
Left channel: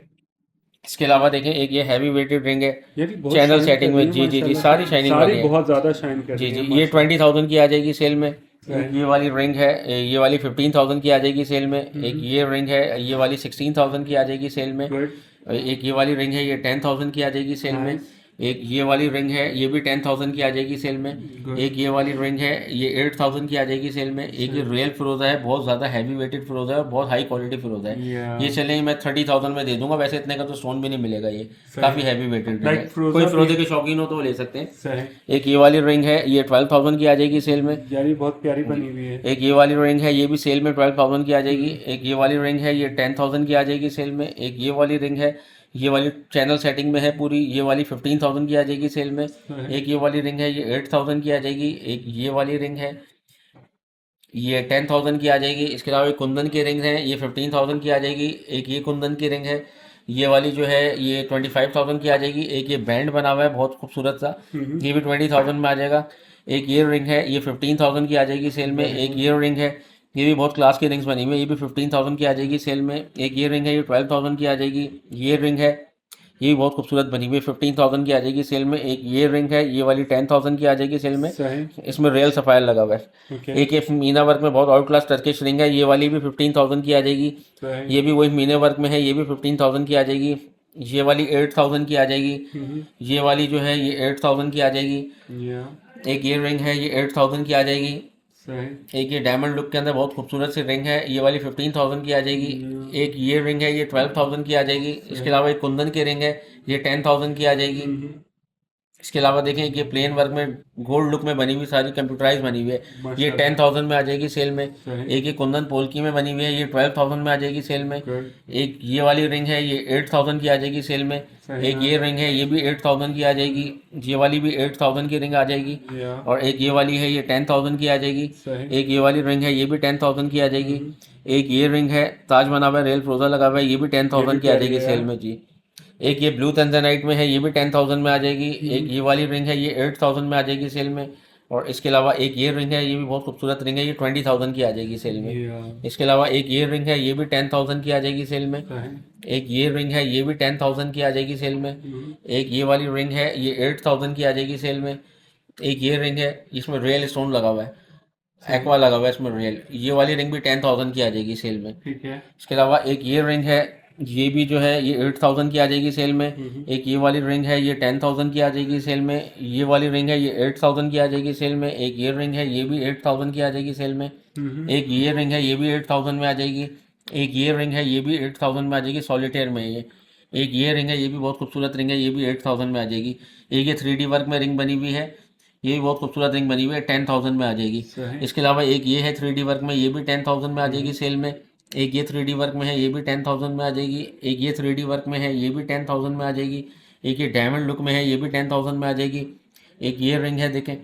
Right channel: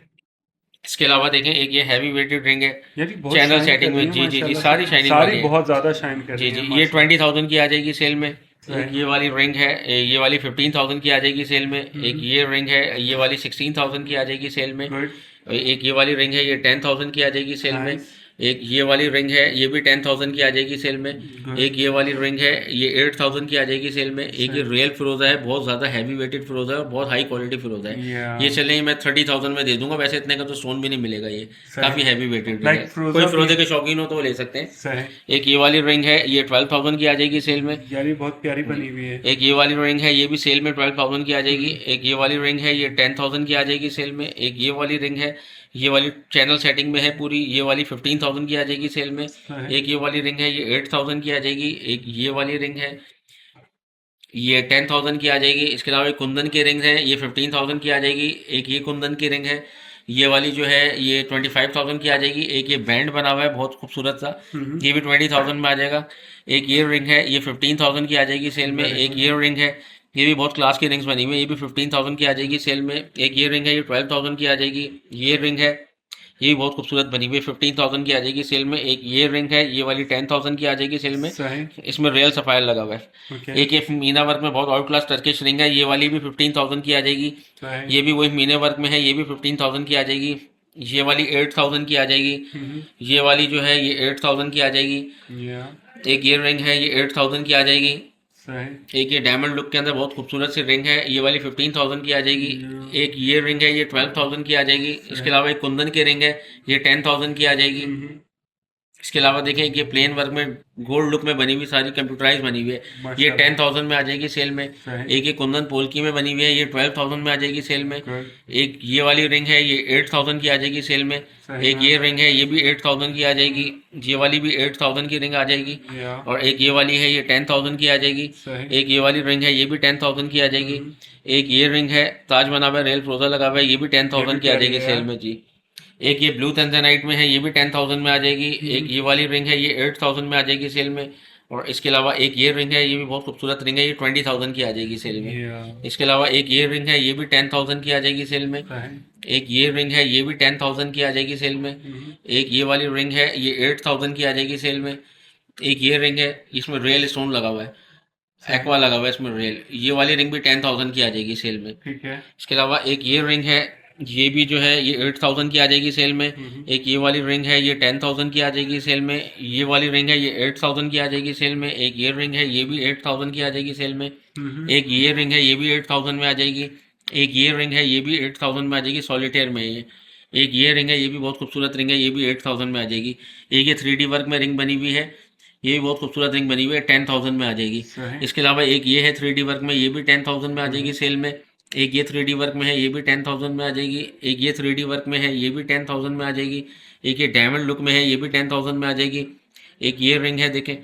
इसके अलावा देखें, एक ये हैवी वेटेड रिंग है, यार ये बहुत चैनल शाइन कर सेटिंग रही में। है जी जी जी माशाल्लाह सारी से। शाइनिंग सारी वाली है। बहुत ज्यादा शाइन कर जी रही जी है ये माशाल्लाह। 20,000 की आ जाएगी सेल में। एक सही। ये वाली रिंग है, ये वाली 15,000 की आ जाएगी सेल में। एक ये रिंग है, ये वाली 16,000 की आ जाएगी सेल में। गुड। एक ये वाली रिंग है, ये 10,000 की आ जाएगी सेल में। नाइस। एक ये वाली रिंग है, ये भी 10,000 की आ जाएगी सेल में। गुड। एक ये वाली रिंग है, ये 8,000 की आ जाएगी सेल में। एक ये रियल फिरोजा है, बहुत ज़्यादा हैवी वेटेड फिरोजा है और बहुत हाई क्वालिटी फिरोजा है। Yeah. ये चलें मैं 30,000 में दे दूंगा, वैसे इतने का तो स्टोन भी नहीं मिलेगा, ये काफ़ी हैवी वेटेड Like है। फिरोजा कोई भी- फिरोजे के शौकीन हो तो वो ले सकते हैं। सही। एक ये वाली रिंग है, ये 12,000 की आ जाएगी सेल में। यार ये बहुत प्यारी बनी हुई है। एक ये वाली रिंग है, ये भी सेल में 12,000 की आ जाएगी। एक ये वाली रिंग है, ये 10,000 की आ जाएगी सेल में। एक ये वाली रिंग है, ये वाली चैनल सेटिंग में है पूरी, ये वाली 15,000 की आ जाएगी सेल में। सही। एक ये वाली रिंग है, ये 8,000 की आ जाएगी। एक ये वाली रिंग है, ये 10,000 की आ जाएगी। इसके अलावा कुंदन की रिंग है, ये 15,000 की आ जाएगी। एक ये कुंदन की रिंग है, ये वाली जो है ये 25,000 की आ जाएगी। एक ये बैंड बना हुआ है बहुत खूबसूरत सा, ये भी 20,000 में आ जाएगा। एक ये रिंग है, ये 15,000 की आ जाएगी सेल में। एक ये रिंग है, ये भी बहुत क्लास की रिंग्स बनी हुई है, ये भी 15,000 की आ जाएगी सेल में। एक ये रिंग है, ये 12,000 की आ जाएगी। ये रिंग है, ये भी बहुत खूबसूरत बनी हुई है, 15,000 की आ जाएगी सेल में। एक ये रिंग है, ये वाली 10,000 की आ जाएगी सेल में। सही। इसमें रियल सफायर लगा हुआ है। ओके। एक ये मीना वर्क में बहुत आउट क्लास टर्किश रिंग है, ये वाली भी 15,000 की आ जाएगी। सही। ये भी वही मीने वर्क में है, ये भी 15,000 की आ जाएगी। ये वाली 8,000 की आ जाएगी। ये वाली जो है ये 8,000 की आ जाएगी। या एक ये रिंग है, ये 8,000 की आ जाएगी। सही। एक ये डायमंड लुक के अंदर बहुत खूबसूरत सी रिंग है, ये वाली 15,000 की आ जाएगी। एक ये रिंग है, ये 12,000 की आ जाएगी। इसके अलावा एक कुंदन की रिंग है, ये 10,000 की आ जाएगी। इसके अलावा देखें, एक ये प्लेन वर्क में गोल्ड लुक में बनी हुई सारी कंप्यूटराइज बनी हुई है, ये माशाल्लाह। 10,000 में आ जाएगी सेल में। सही। एक ये कुंदन पोल्की में बनी हुई है, ये 12,000 में आ जाएगी सेल में। गुड। एक ये वाली रिंग है, ये 8,000 की आ जाएगी सेल में। सही एक ये रिंग है, ये भी 8,000 की आ जाएगी। ये वाली भी 8,000 की रिंग आ जाएगी। या और एक ये वाली है, ये 10,000 की आ जाएगी। सही। एक ये वाली रिंग है, ये भी 10,000 की आ जाएगी। एक ये रिंग है, ताज बना हुआ है, रेल फ्रोजा लगा हुआ है, ये भी 10,000 की आ प्यारी जाएगी है सेल यार। में जी। एक ये ब्लू तंजनाइट में है, ये भी 10,000 में आ जाएगी। एक ये वाली रिंग है, ये 8,000 में आ जाएगी सेल में। और इसके अलावा एक ये रिंग है, ये भी बहुत खूबसूरत रिंग है, ये 20,000 की आ जाएगी सेल में। या इसके अलावा एक ये रिंग है, ये भी 10,000 की आ जाएगी सेल में। सही। एक ये रिंग है, ये भी 10,000 की आ जाएगी सेल में। एक ये वाली रिंग है, ये 8,000 की आ जाएगी सेल में। एक ये रिंग है, इसमें रियल स्टोन लगा हुआ है, एक्वा लगा हुआ है इसमें रियल, ये वाली रिंग भी 10,000 की आ जाएगी सेल में। ठीक है। इसके अलावा एक ये रिंग है, ये भी जो है ये 8,000 की आ जाएगी सेल में। एक ये वाली रिंग है, ये 10,000 की आ जाएगी सेल में। ये वाली रिंग है, ये 8,000 की आ जाएगी सेल में। एक ये रिंग है, ये भी 8,000 की आ जाएगी सेल में। एक ये रिंग है, ये भी 8,000 में आ जाएगी। एक ये रिंग है, ये भी 8,000 में आ जाएगी, सॉलिटेयर में है ये। एक ये रिंग है, ये भी बहुत खूबसूरत रिंग है, ये भी 8,000 में आ जाएगी। एक ये 3D वर्क में रिंग बनी हुई है, ये भी बहुत खूबसूरत रिंग बनी हुई है, 10,000 में आ जाएगी। सही। इसके अलावा एक ये है 3D वर्क में, ये भी 10,000 में आ जाएगी सेल में। एक ये 3D वर्क में है, ये भी 10,000 में आ जाएगी। एक ये 3D वर्क में है, ये भी 10,000 में आ जाएगी। एक ये डायमंड लुक में है, ये भी 10,000 में आ जाएगी। एक ये रिंग है देखें,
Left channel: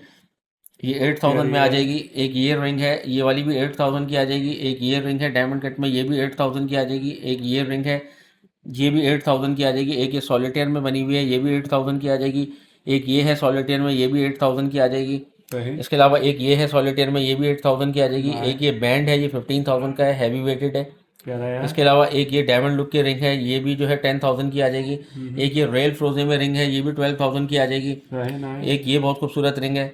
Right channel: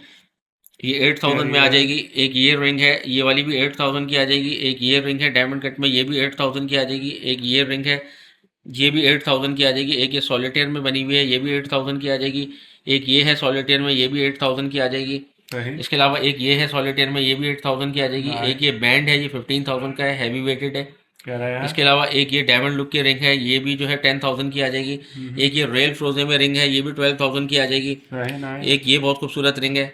ये 8000 में आ प्यारी है। जाएगी। एक ये रिंग है, ये वाली भी 8000 की आ जाएगी। एक ये रिंग है डायमंड कट में, ये भी 8000 की आ जाएगी। एक ये रिंग है, ये भी 8000 की आ जाएगी। एक ये सॉलिटेयर में बनी हुई है, ये भी 8000 की आ जाएगी। एक ये है सॉलिटेयर में, ये भी 8000 की आ जाएगी। सही। इसके अलावा एक ये है सॉलिटेयर में, ये भी 8000 की आ जाएगी। एक नाइस। ये बैंड है, ये 15000 का है, हैवी वेटेड है। प्यारा यार। इसके अलावा एक ये डायमंड लुक की रिंग है, ये भी जो है 10000 की आ जाएगी। एक ये रॉयल फ्रोजे में रिंग है, ये भी 12000 की आ जाएगी। सही। नाइस। एक ये बहुत खूबसूरत रिंग है,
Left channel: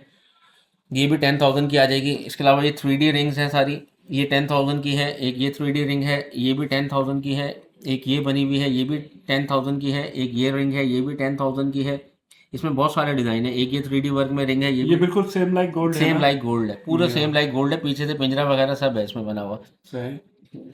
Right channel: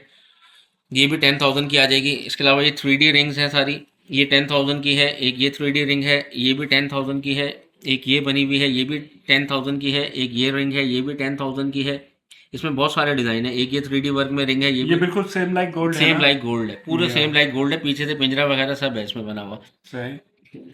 ये भी 10000 की आ जाएगी। इसके अलावा ये 3D रिंग्स हैं सारी, ये 10000 की है। एक ये 3D रिंग है, ये भी 10000 की है। एक ये बनी हुई है, ये भी 10000 की है। एक ये रिंग है, ये भी 10000 की है। इसमें बहुत सारे डिज़ाइन है। एक ये 3D वर्क में रिंग है, ये ये भी बिल्कुल सेम लाइक गोल्ड है सेम ना? लाइक गोल्ड है, पूरा या। सेम लाइक गोल्ड है। पीछे से पिंजरा वगैरह सब है इसमें बना हुआ। सही।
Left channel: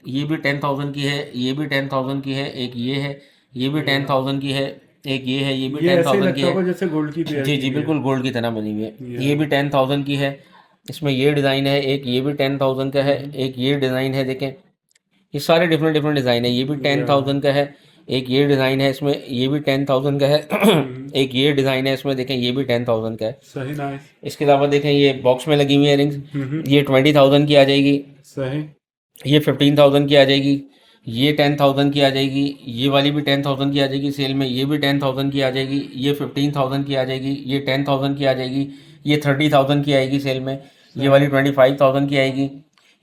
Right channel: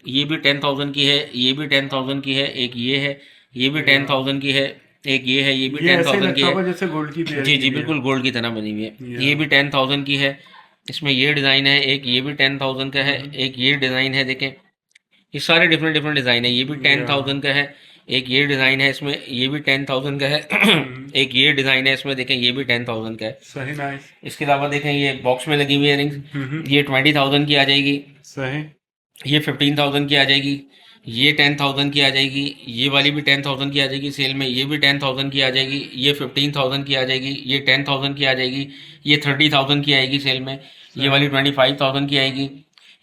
ये भी 10000 की है, ये भी 10000 की है। एक ये है, ये भी 10000 की है। एक ये है, ये भी ये ऐसे ही 10000 की लगता है। होगा जैसे गोल्ड की पेयर जी की जी, भी है। बिल्कुल गोल्ड की तरह बनी हुई है। या। ये भी 10000 की है। इसमें ये डिज़ाइन है, एक ये भी 10000 का है। एक ये डिज़ाइन है, देखें ये सारे डिफरेंट डिफरेंट डिज़ाइन है। ये भी 10000 का है। एक ये डिज़ाइन है इसमें, ये भी 10000 का है। एक ये डिज़ाइन है इसमें, देखें ये भी 10000 का है। सही। नाइस। इसके अलावा देखें ये बॉक्स में लगी हुई है रिंग्स, ये 20000 की आ जाएगी। सही। ये 15000 की आ जाएगी। ये 10000 की आ जाएगी। ये वाली भी 10000 की आ जाएगी सेल में। ये भी 10000 की आ जाएगी। ये 15000 की आ जाएगी। ये 10000 की आ जाएगी। ये 30000 की आएगी सेल में। ये वाली 25000 की आएगी।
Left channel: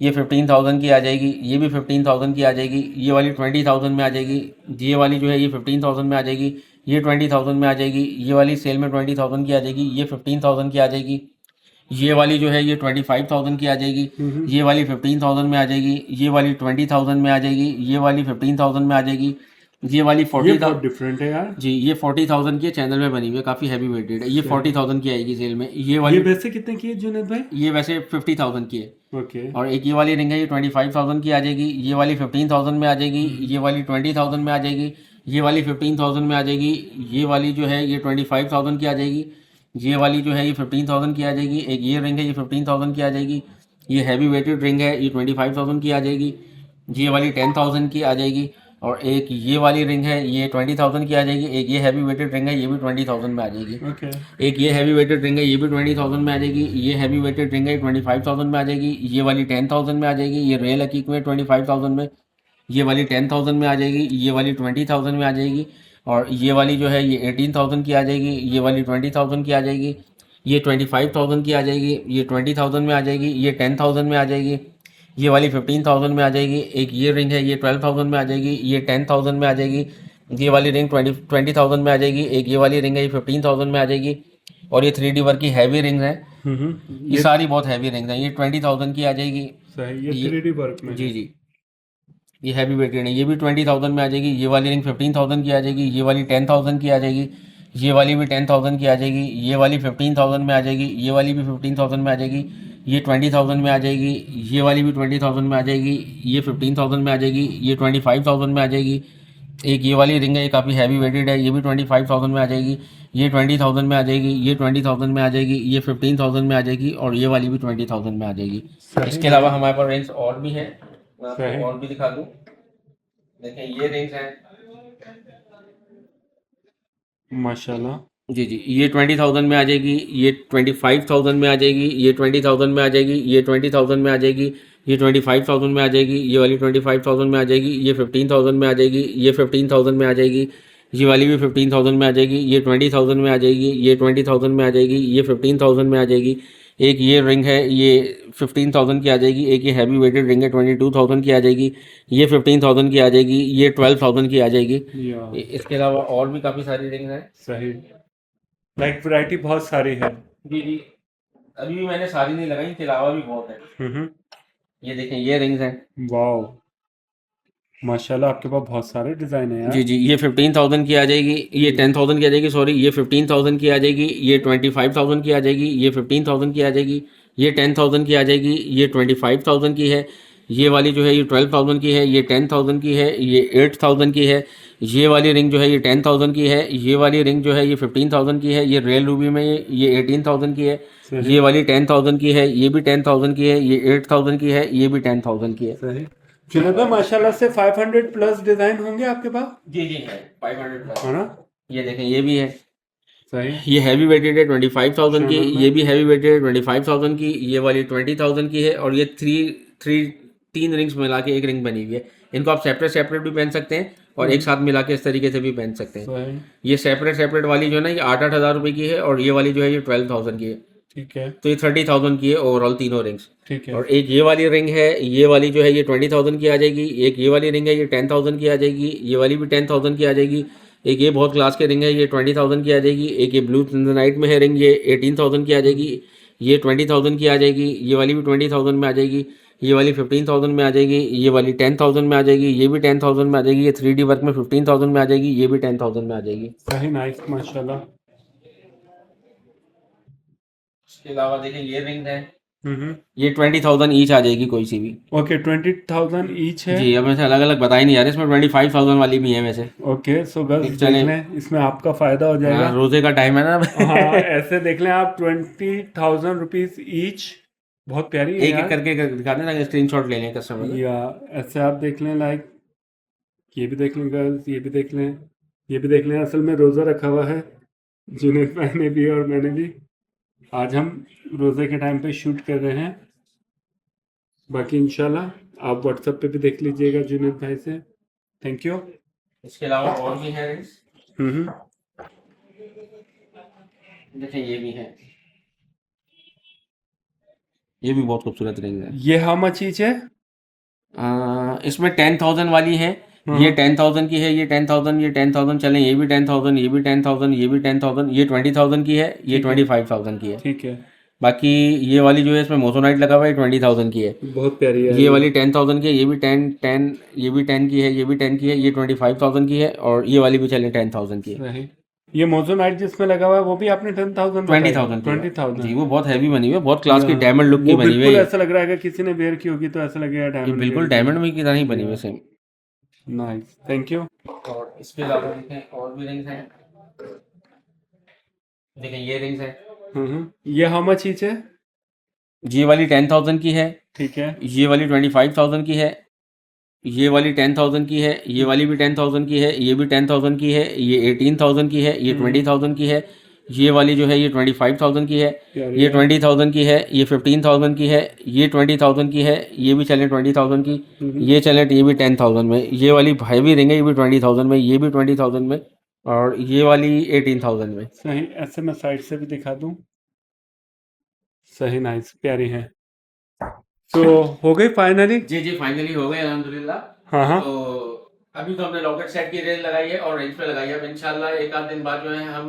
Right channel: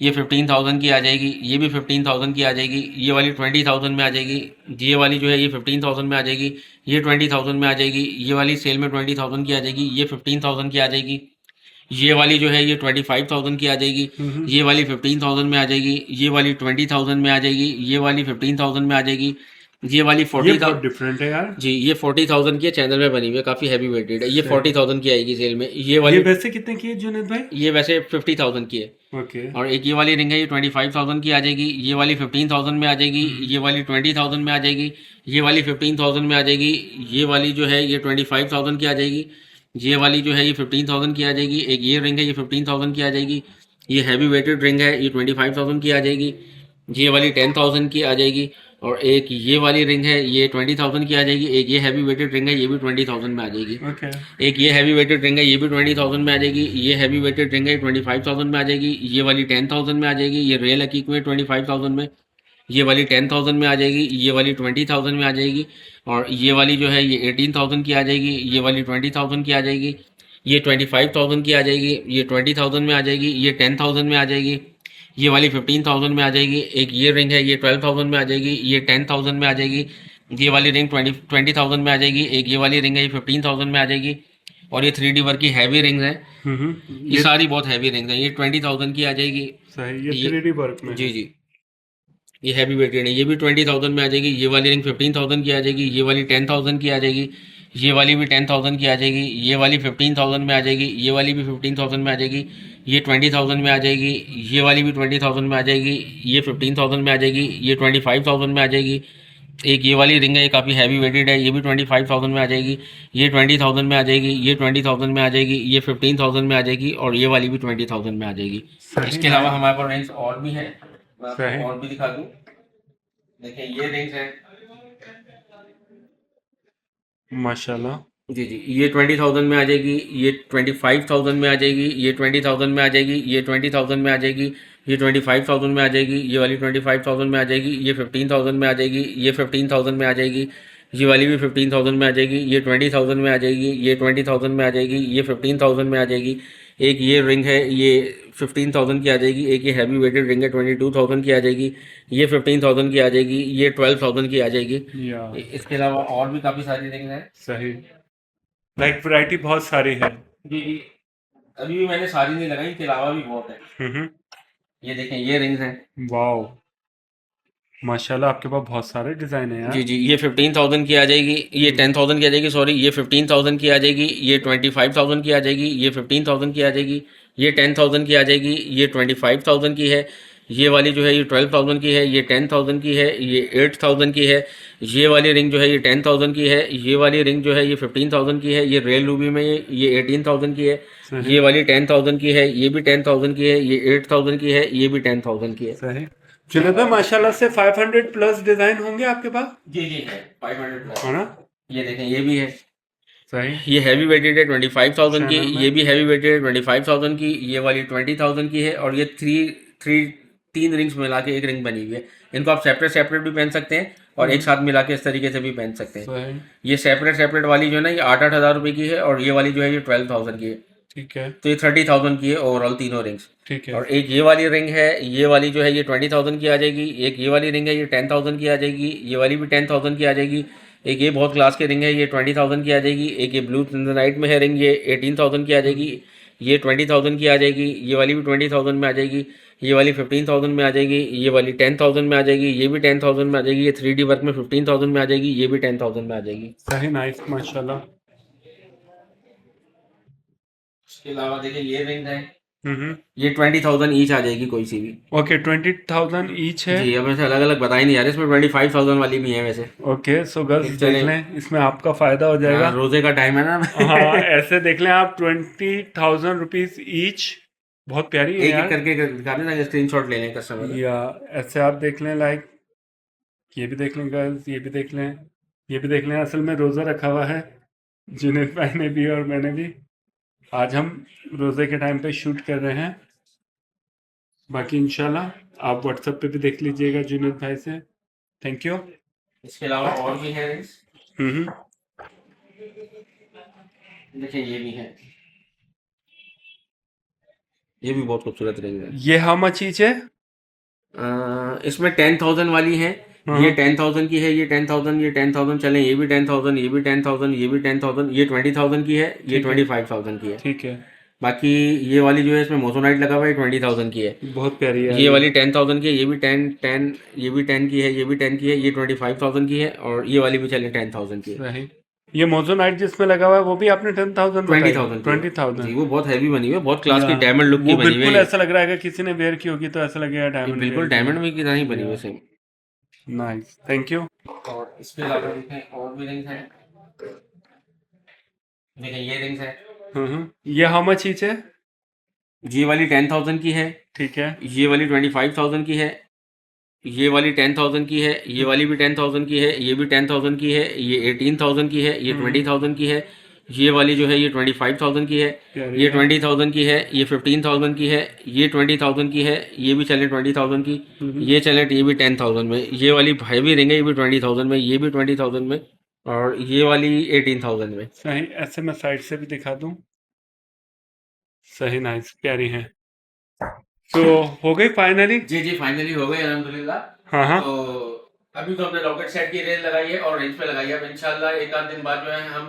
ये 15000 की आ जाएगी। ये भी 15000 की आ जाएगी। ये वाली 20000 में आ जाएगी। ये वाली जो है ये 15000 में आ जाएगी। ये 20000 में आ जाएगी। ये वाली सेल में 20000 की आ जाएगी। ये 15000 की आ जाएगी। ये वाली जो है ये 25000 की आ जाएगी। ये वाली 15000 में आ जाएगी। ये वाली 20000 में आ जाएगी। ये वाली 15000 में आ जाएगी। ये वाली ये 40000 बहुत डिफरेंट है यार। जी, ये 40000 की चैनल में बनी हुई है, काफ़ी हैवी वेटेड है। ये सही। 40000 की आएगी सेल में। ये ये वाली वैसे कितने की है जुनेद भाई? ये वैसे 50000 की है। ओके। और एक ये वाली रिंग है, ये 25000 की आ जाएगी। ये वाली 15000 में आ जाएगी। ये वाली 20000 में आ जाएगी। ये वाली 15000 में आ जाएगी। ये वाली जो है ये 25000 की आ जाएगी। ये वाली जो है ये 15000 की आ जाएगी। एक ये रिंग है, ये 15000 की आ जाएगी। ये हैवी वेटेड रिंग है, ये 25000 की आ जाएगी। ये वाली 10000 की आ जाएगी। और एक ये वाली रिंग है, ये 20000 की आ जाएगी। एक ये हैवी वेटेड रिंग है, ये भी 20000 में आ जाएगी। ओके। एक ये हैवी वेटेड रिंग है, ये भी 20000 में आ जाएगी। ये हैवी वेटेड रिंग है, 25000 में आ जाएगी। ये वाली 10000 में आ जाएगी। ये रियल हकीक में 25000 में। ये वाली 10000 में आ जाएगी। ये वाली 20000 में आ जाएगी। और ये वाली जो है ये 18000 की आ जाएगी। ये वाली 20000 की आ जाएगी। ये 25000 की आ जाएगी। ये 20000 में आ जाएगी। ये 10000 में आ जाएगी। ये वाली 15000 में आ जाएगी। एक ये रिंग है, ये 12000 में आ जाएगी। ये 10000 में आ जाएगी। ये वाली रिंग 20000 में आ जाएगी। एक ये वाली रिंग है, ये 15000 में आ जाएगी। और ये 3D वर्क की हैवी रिंग्स हैं। ये सारी बहुत हैवी रिंग्स हैं। ये 20000 की आ जाएगी। सही। ये 3D वर्क में जी है। जी, ये हैवी वेटेड है। ये भी 20000 में आ जाएगी। ये वाली रिंग 15000 की आ जाएगी। ये वाली 10000 की आ जाएगी। ये वाली भी 10000 की आ जाएगी। ये वाली 15000 में आ जाएगी। ये वाली भी 15000 में आ जाएगी। ये 20000 में आ जाएगी। ये वाली भी 20000 में आ जाएगी। ये 15000 में आ जाएगी। ये 25000 में आ जाएगी। एक ये वाली रिंग है, ये काफ़ी हैवी वेटेड है। ये भी 25000 में आ जाएगी। ये 20000 में आ जाएगी। ये 20000 में आ जाएगी। ये 15000 में आ जाएगी। और ये वाली भी 20000 में आ जाएगी। सही। इसके अलावा हमारे पास रिंग्स और भी हैं, मैं सही। आपको और भी दिखा दूँ। देखिए ये रिंग्स हैं। माशाल्लाह। जी जी, ये 20000 में आ जाएगी। ये 25000 में आ जाएगी। ये 20000 में आ जाएगी। ये 20000 में आ जाएगी। ये 25000 में आ जाएगी। ये वाली 25000 में आ जाएगी। ये 15000 में आ जाएगी। ये 15000 में आ जाएगी। ये वाली भी 15000 में आ जाएगी। ये 20000 में आ जाएगी। ये 20000 में आ जाएगी। ये 15000 में आ जाएगी। एक ये रिंग है, ये 15000 की आ जाएगी। एक ये हैवी वेटेड रिंग है, 22000 की आ जाएगी। ये 15000 की आ जाएगी। ये 12000 की आ जाएगी। या। इसके अलावा और भी काफ़ी सारी रिंग हैं। सही। लाइक वैरायटी बहुत सारी है। जी जी, अभी भी मैंने सारी नहीं लगाई, इसके अलावा भी बहुत है। ये देखें ये रिंग्स हैं। वाओ। माशाल्लाह, आपके पास बहुत सारे डिजाइन है जी यार। जी, ये 15000 की आ जाएगी। ये 10000 की आ जाएगी, सॉरी ये 15000 की आ जाएगी। ये 25000 की आ जाएगी। ये 15000 की आ जाएगी। ये 10000 की आ जाएगी। ये 25000 की है। ये वाली जो है ये 12000 की है। ये 10000 की है। ये 8000 की है। ये वाली रिंग जो है ये 10000 की है। ये वाली रिंग जो है ये 15000 की है। ये रियल रूबी में ये 18000 की है। सही। ये वाली 10000 की है। ये भी 10000 की है। ये 8000 की है। ये भी 10000 की है। सही। जुनेद भाई, माशाल्लाह से 500 प्लस डिजाइन होंगे आपके पास, जी जी है, 500 प्लस है ना? ये देखें ये भी है। सही। ये हैवी वेटेड है 25,000 की, चैनल में ये भी हैवी वेटेड है 25,000 की, ये वाली 20,000 की है, और ये तीन रिंग्स मिला के एक रिंग बनी हुई है। इनको आप सेपरेट सेपरेट भी पहन सकते हैं और एक साथ मिला के इस तरीके से भी पहन सकते हैं। सही। ये सेपरेट सेपरेट वाली जो है ना, ये 8,000 रुपये की है, और ये वाली जो है ये 12,000 की है। ठीक है। तो ये 30,000 की है ओवरऑल तीनों रिंग्स। ठीक है। और एक ये वाली रिंग है, ये वाली जो है ये 20,000 की आ जाएगी। एक ये वाली रिंग है, ये 10,000 की आ जाएगी। ये वाली भी 10,000 की आ जाएगी। एक ये बहुत क्लास की रिंग है, ये 20,000 की आ जाएगी। एक ये ब्लू नाइट में है रिंग, ये 18,000 की आ जाएगी। ये 20,000 की आ जाएगी। ये वाली भी 20,000 में आ जाएगी। ये वाली 15,000 में आ जाएगी। ये वाली 10,000 में आ जाएगी। ये भी 10,000 में आ जाएगी। ये 3D वर्क में 15,000 में आ जाएगी। ये भी 10,000 में आ जाएगी। सही, नाइस, माशाल्लाह। उसके अलावा देखिए ये रिंग है, हम्म। ये 20,000 ईच आ जाएगी कोई सी भी। ओके, 20,000 ईच है। जी, अब ऐसे अलग अलग बता ही नहीं आ रहे, इसमें 25,000 वाली भी है वैसे। ओके, सो गर्ल्स एक देख चले, लें, इसमें आपका फायदा हो जाएगा। रोजे का टाइम है ना। हाँ, ऐसे देख लें आप, 20,000 रुपीज ईच। बहुत प्यारी है एक एक यार। करके दिखा देना, स्क्रीनशॉट ले लें कस्टमर। या ऐसे आप देख लें, लाइक ये भी देख लें गर्ल्स, ये भी देख लें, ये भी देख लें। असल में रोज़ा रखा हुआ है जुनैद भाई ने भी और मैंने भी। आज हम रोज़े के टाइम पे शूट कर रहे हैं। बाकी इंशाल्लाह आप व्हाट्सएप पे भी देख लीजिएगा जुनैद भाई से। Thank you. इसके अलावा और भी है रिंग्स, हम्म। देखिए ये भी है, ये भी बहुत खूबसूरत रिंग है। ये हाउ मच ईच है? इसमें 10,000 वाली है, ये 10,000 की है, ये 10,000, ये 10,000 चले, ये भी 10,000, ये भी 10,000, ये भी 10,000, ये 20,000 की है, ये ठीक है। 25,000 की है। ठीक है। बाकी ये वाली जो है इसमें मोसोनाइट लगा हुआ है, 20,000 की है। बहुत प्यारी है ये वाली 10,000 की है, ये भी 10, ये भी 10 की है, ये भी 10 की है, ये 25,000 की है, और ये वाली भी चले 10,000 की है। सही। ये मोज़ोनाइट जिसमें लगा हुआ है वो भी आपने 10,000 बताई? 20,000 की है। 20,000। जी, वो बहुत हैवी बनी हुई है, बहुत क्लास की या, डायमंड लुक की वो बनी हुई बिल्कुल है। ऐसा लग रहा है कि किसी ने वेयर की होगी तो ऐसा लगेगा ये डायमंड बिल्कुल वेयर डायमंड में की तरह ही बनी हुई है या। सेम। Nice, thank you. और इसके अलावा देखें और भी रिंग्स हैं, देखिए ये रिंग्स है। ये हाउ मच ईच है? ये वाली 10,000 की है, ठीक है। ये वाली 25,000 की है, ये वाली 10,000 की है, ये वाली भी 10,000 की है, ये भी 10,000 की है, ये 18,000 की है, ये 20,000 की है, ये वाली जो है ये 25,000 की है, प्यारी ये है। 20,000 की है, ये 15,000 की है, ये 20,000 की है, ये भी चले 20,000 की, ये चले, ये भी 10,000 में, ये वाली हैवी रिंग है, ये भी 20,000 में, ये भी 20,000 में, और ये वाली 18,000 में। सही, ऐसे मैं साइड से भी दिखा दूं। सही, नाइस, प्यारी है। तो हो गई फाइनली? जी जी, फाइनली हो गए अल्हम्दुलिल्लाह। हाँ हाँ। तो अभी तो हमने लॉकेट सेट की रेंज लगाई है और रेंज पे लगाई है। अब इंशाल्लाह एक आध दिन बाद जो है हम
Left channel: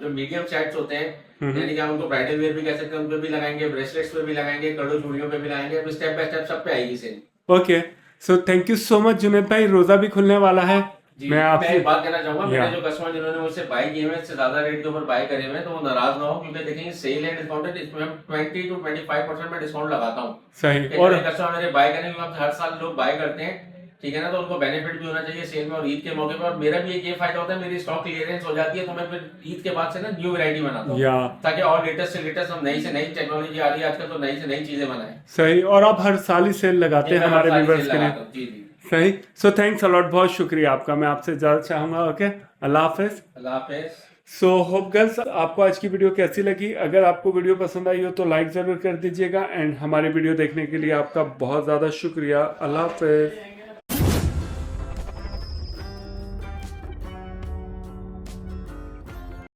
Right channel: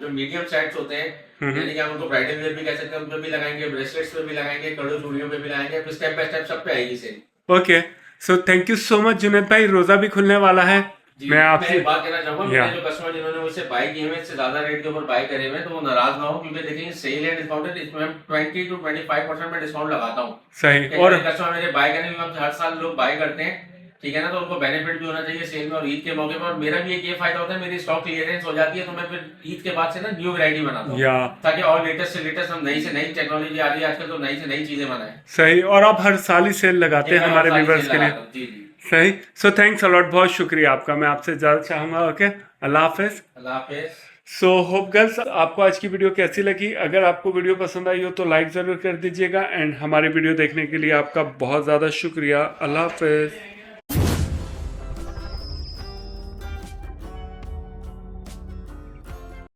जो मीडियम सेट्स होते हैं, यानी कि हम उनको ब्राइडल वेयर भी कह सकते हैं, उन पे भी लगाएंगे, ब्रेसलेट्स पे भी लगाएंगे, कड़ो चूड़ियों पे भी लगाएंगे, फिर स्टेप बाय स्टेप सब पे आएगी sale. Okay, so thank you so much Junaid भाई। रोज़ा भी खुलने वाला है। जी, मैं मैं आपसे एक बात कहना चाहूंगा, या मेरे जो कस्टमर जिन्होंने मुझसे बाय किए हुए हैं, इससे ज्यादा रेट के ऊपर बाय करे हुए हैं, तो वो नाराज ना हो, क्योंकि देखेंगे सेल है, डिस्काउंट है, इसमें हम 20 to 25% में डिस्काउंट लगाता हूँ। सही। और और कस्टमर मेरे बाय करने के बाद हर साल लोग बाय करते हैं, ठीक है ना, तो उनको बेनिफिट भी होना चाहिए सेल में और ईद के मौके पर। और मेरा भी एक ये फायदा होता है, मेरी स्टॉक क्लियरेंस हो जाती है, तो मैं फिर ईद के बाद से ना न्यू वैरायटी बनाता हूँ, या ताकि और लेटेस्ट से लेटेस्ट, हम नई से नई टेक्नोलॉजी आ रही है आजकल, तो नई से नई चीजें बनाएं। सही। और आप हर साल ही सेल लगाते हैं हमारे व्यूवर्स के लिए। जी जी, सही। सो थैंक्स अलॉट, बहुत शुक्रिया आपका। मैं आपसे ज़्यादा चाहूँगा। ओके, अल्लाह हाफिज़। अल्लाह हाफिज। सो होप गर्ल्स, आपको आज की वीडियो कैसी लगी? अगर आपको वीडियो पसंद आई हो तो लाइक ज़रूर कर दीजिएगा। एंड हमारी वीडियो देखने के लिए आपका बहुत ज़्यादा शुक्रिया। अल्लाह हाफिज़।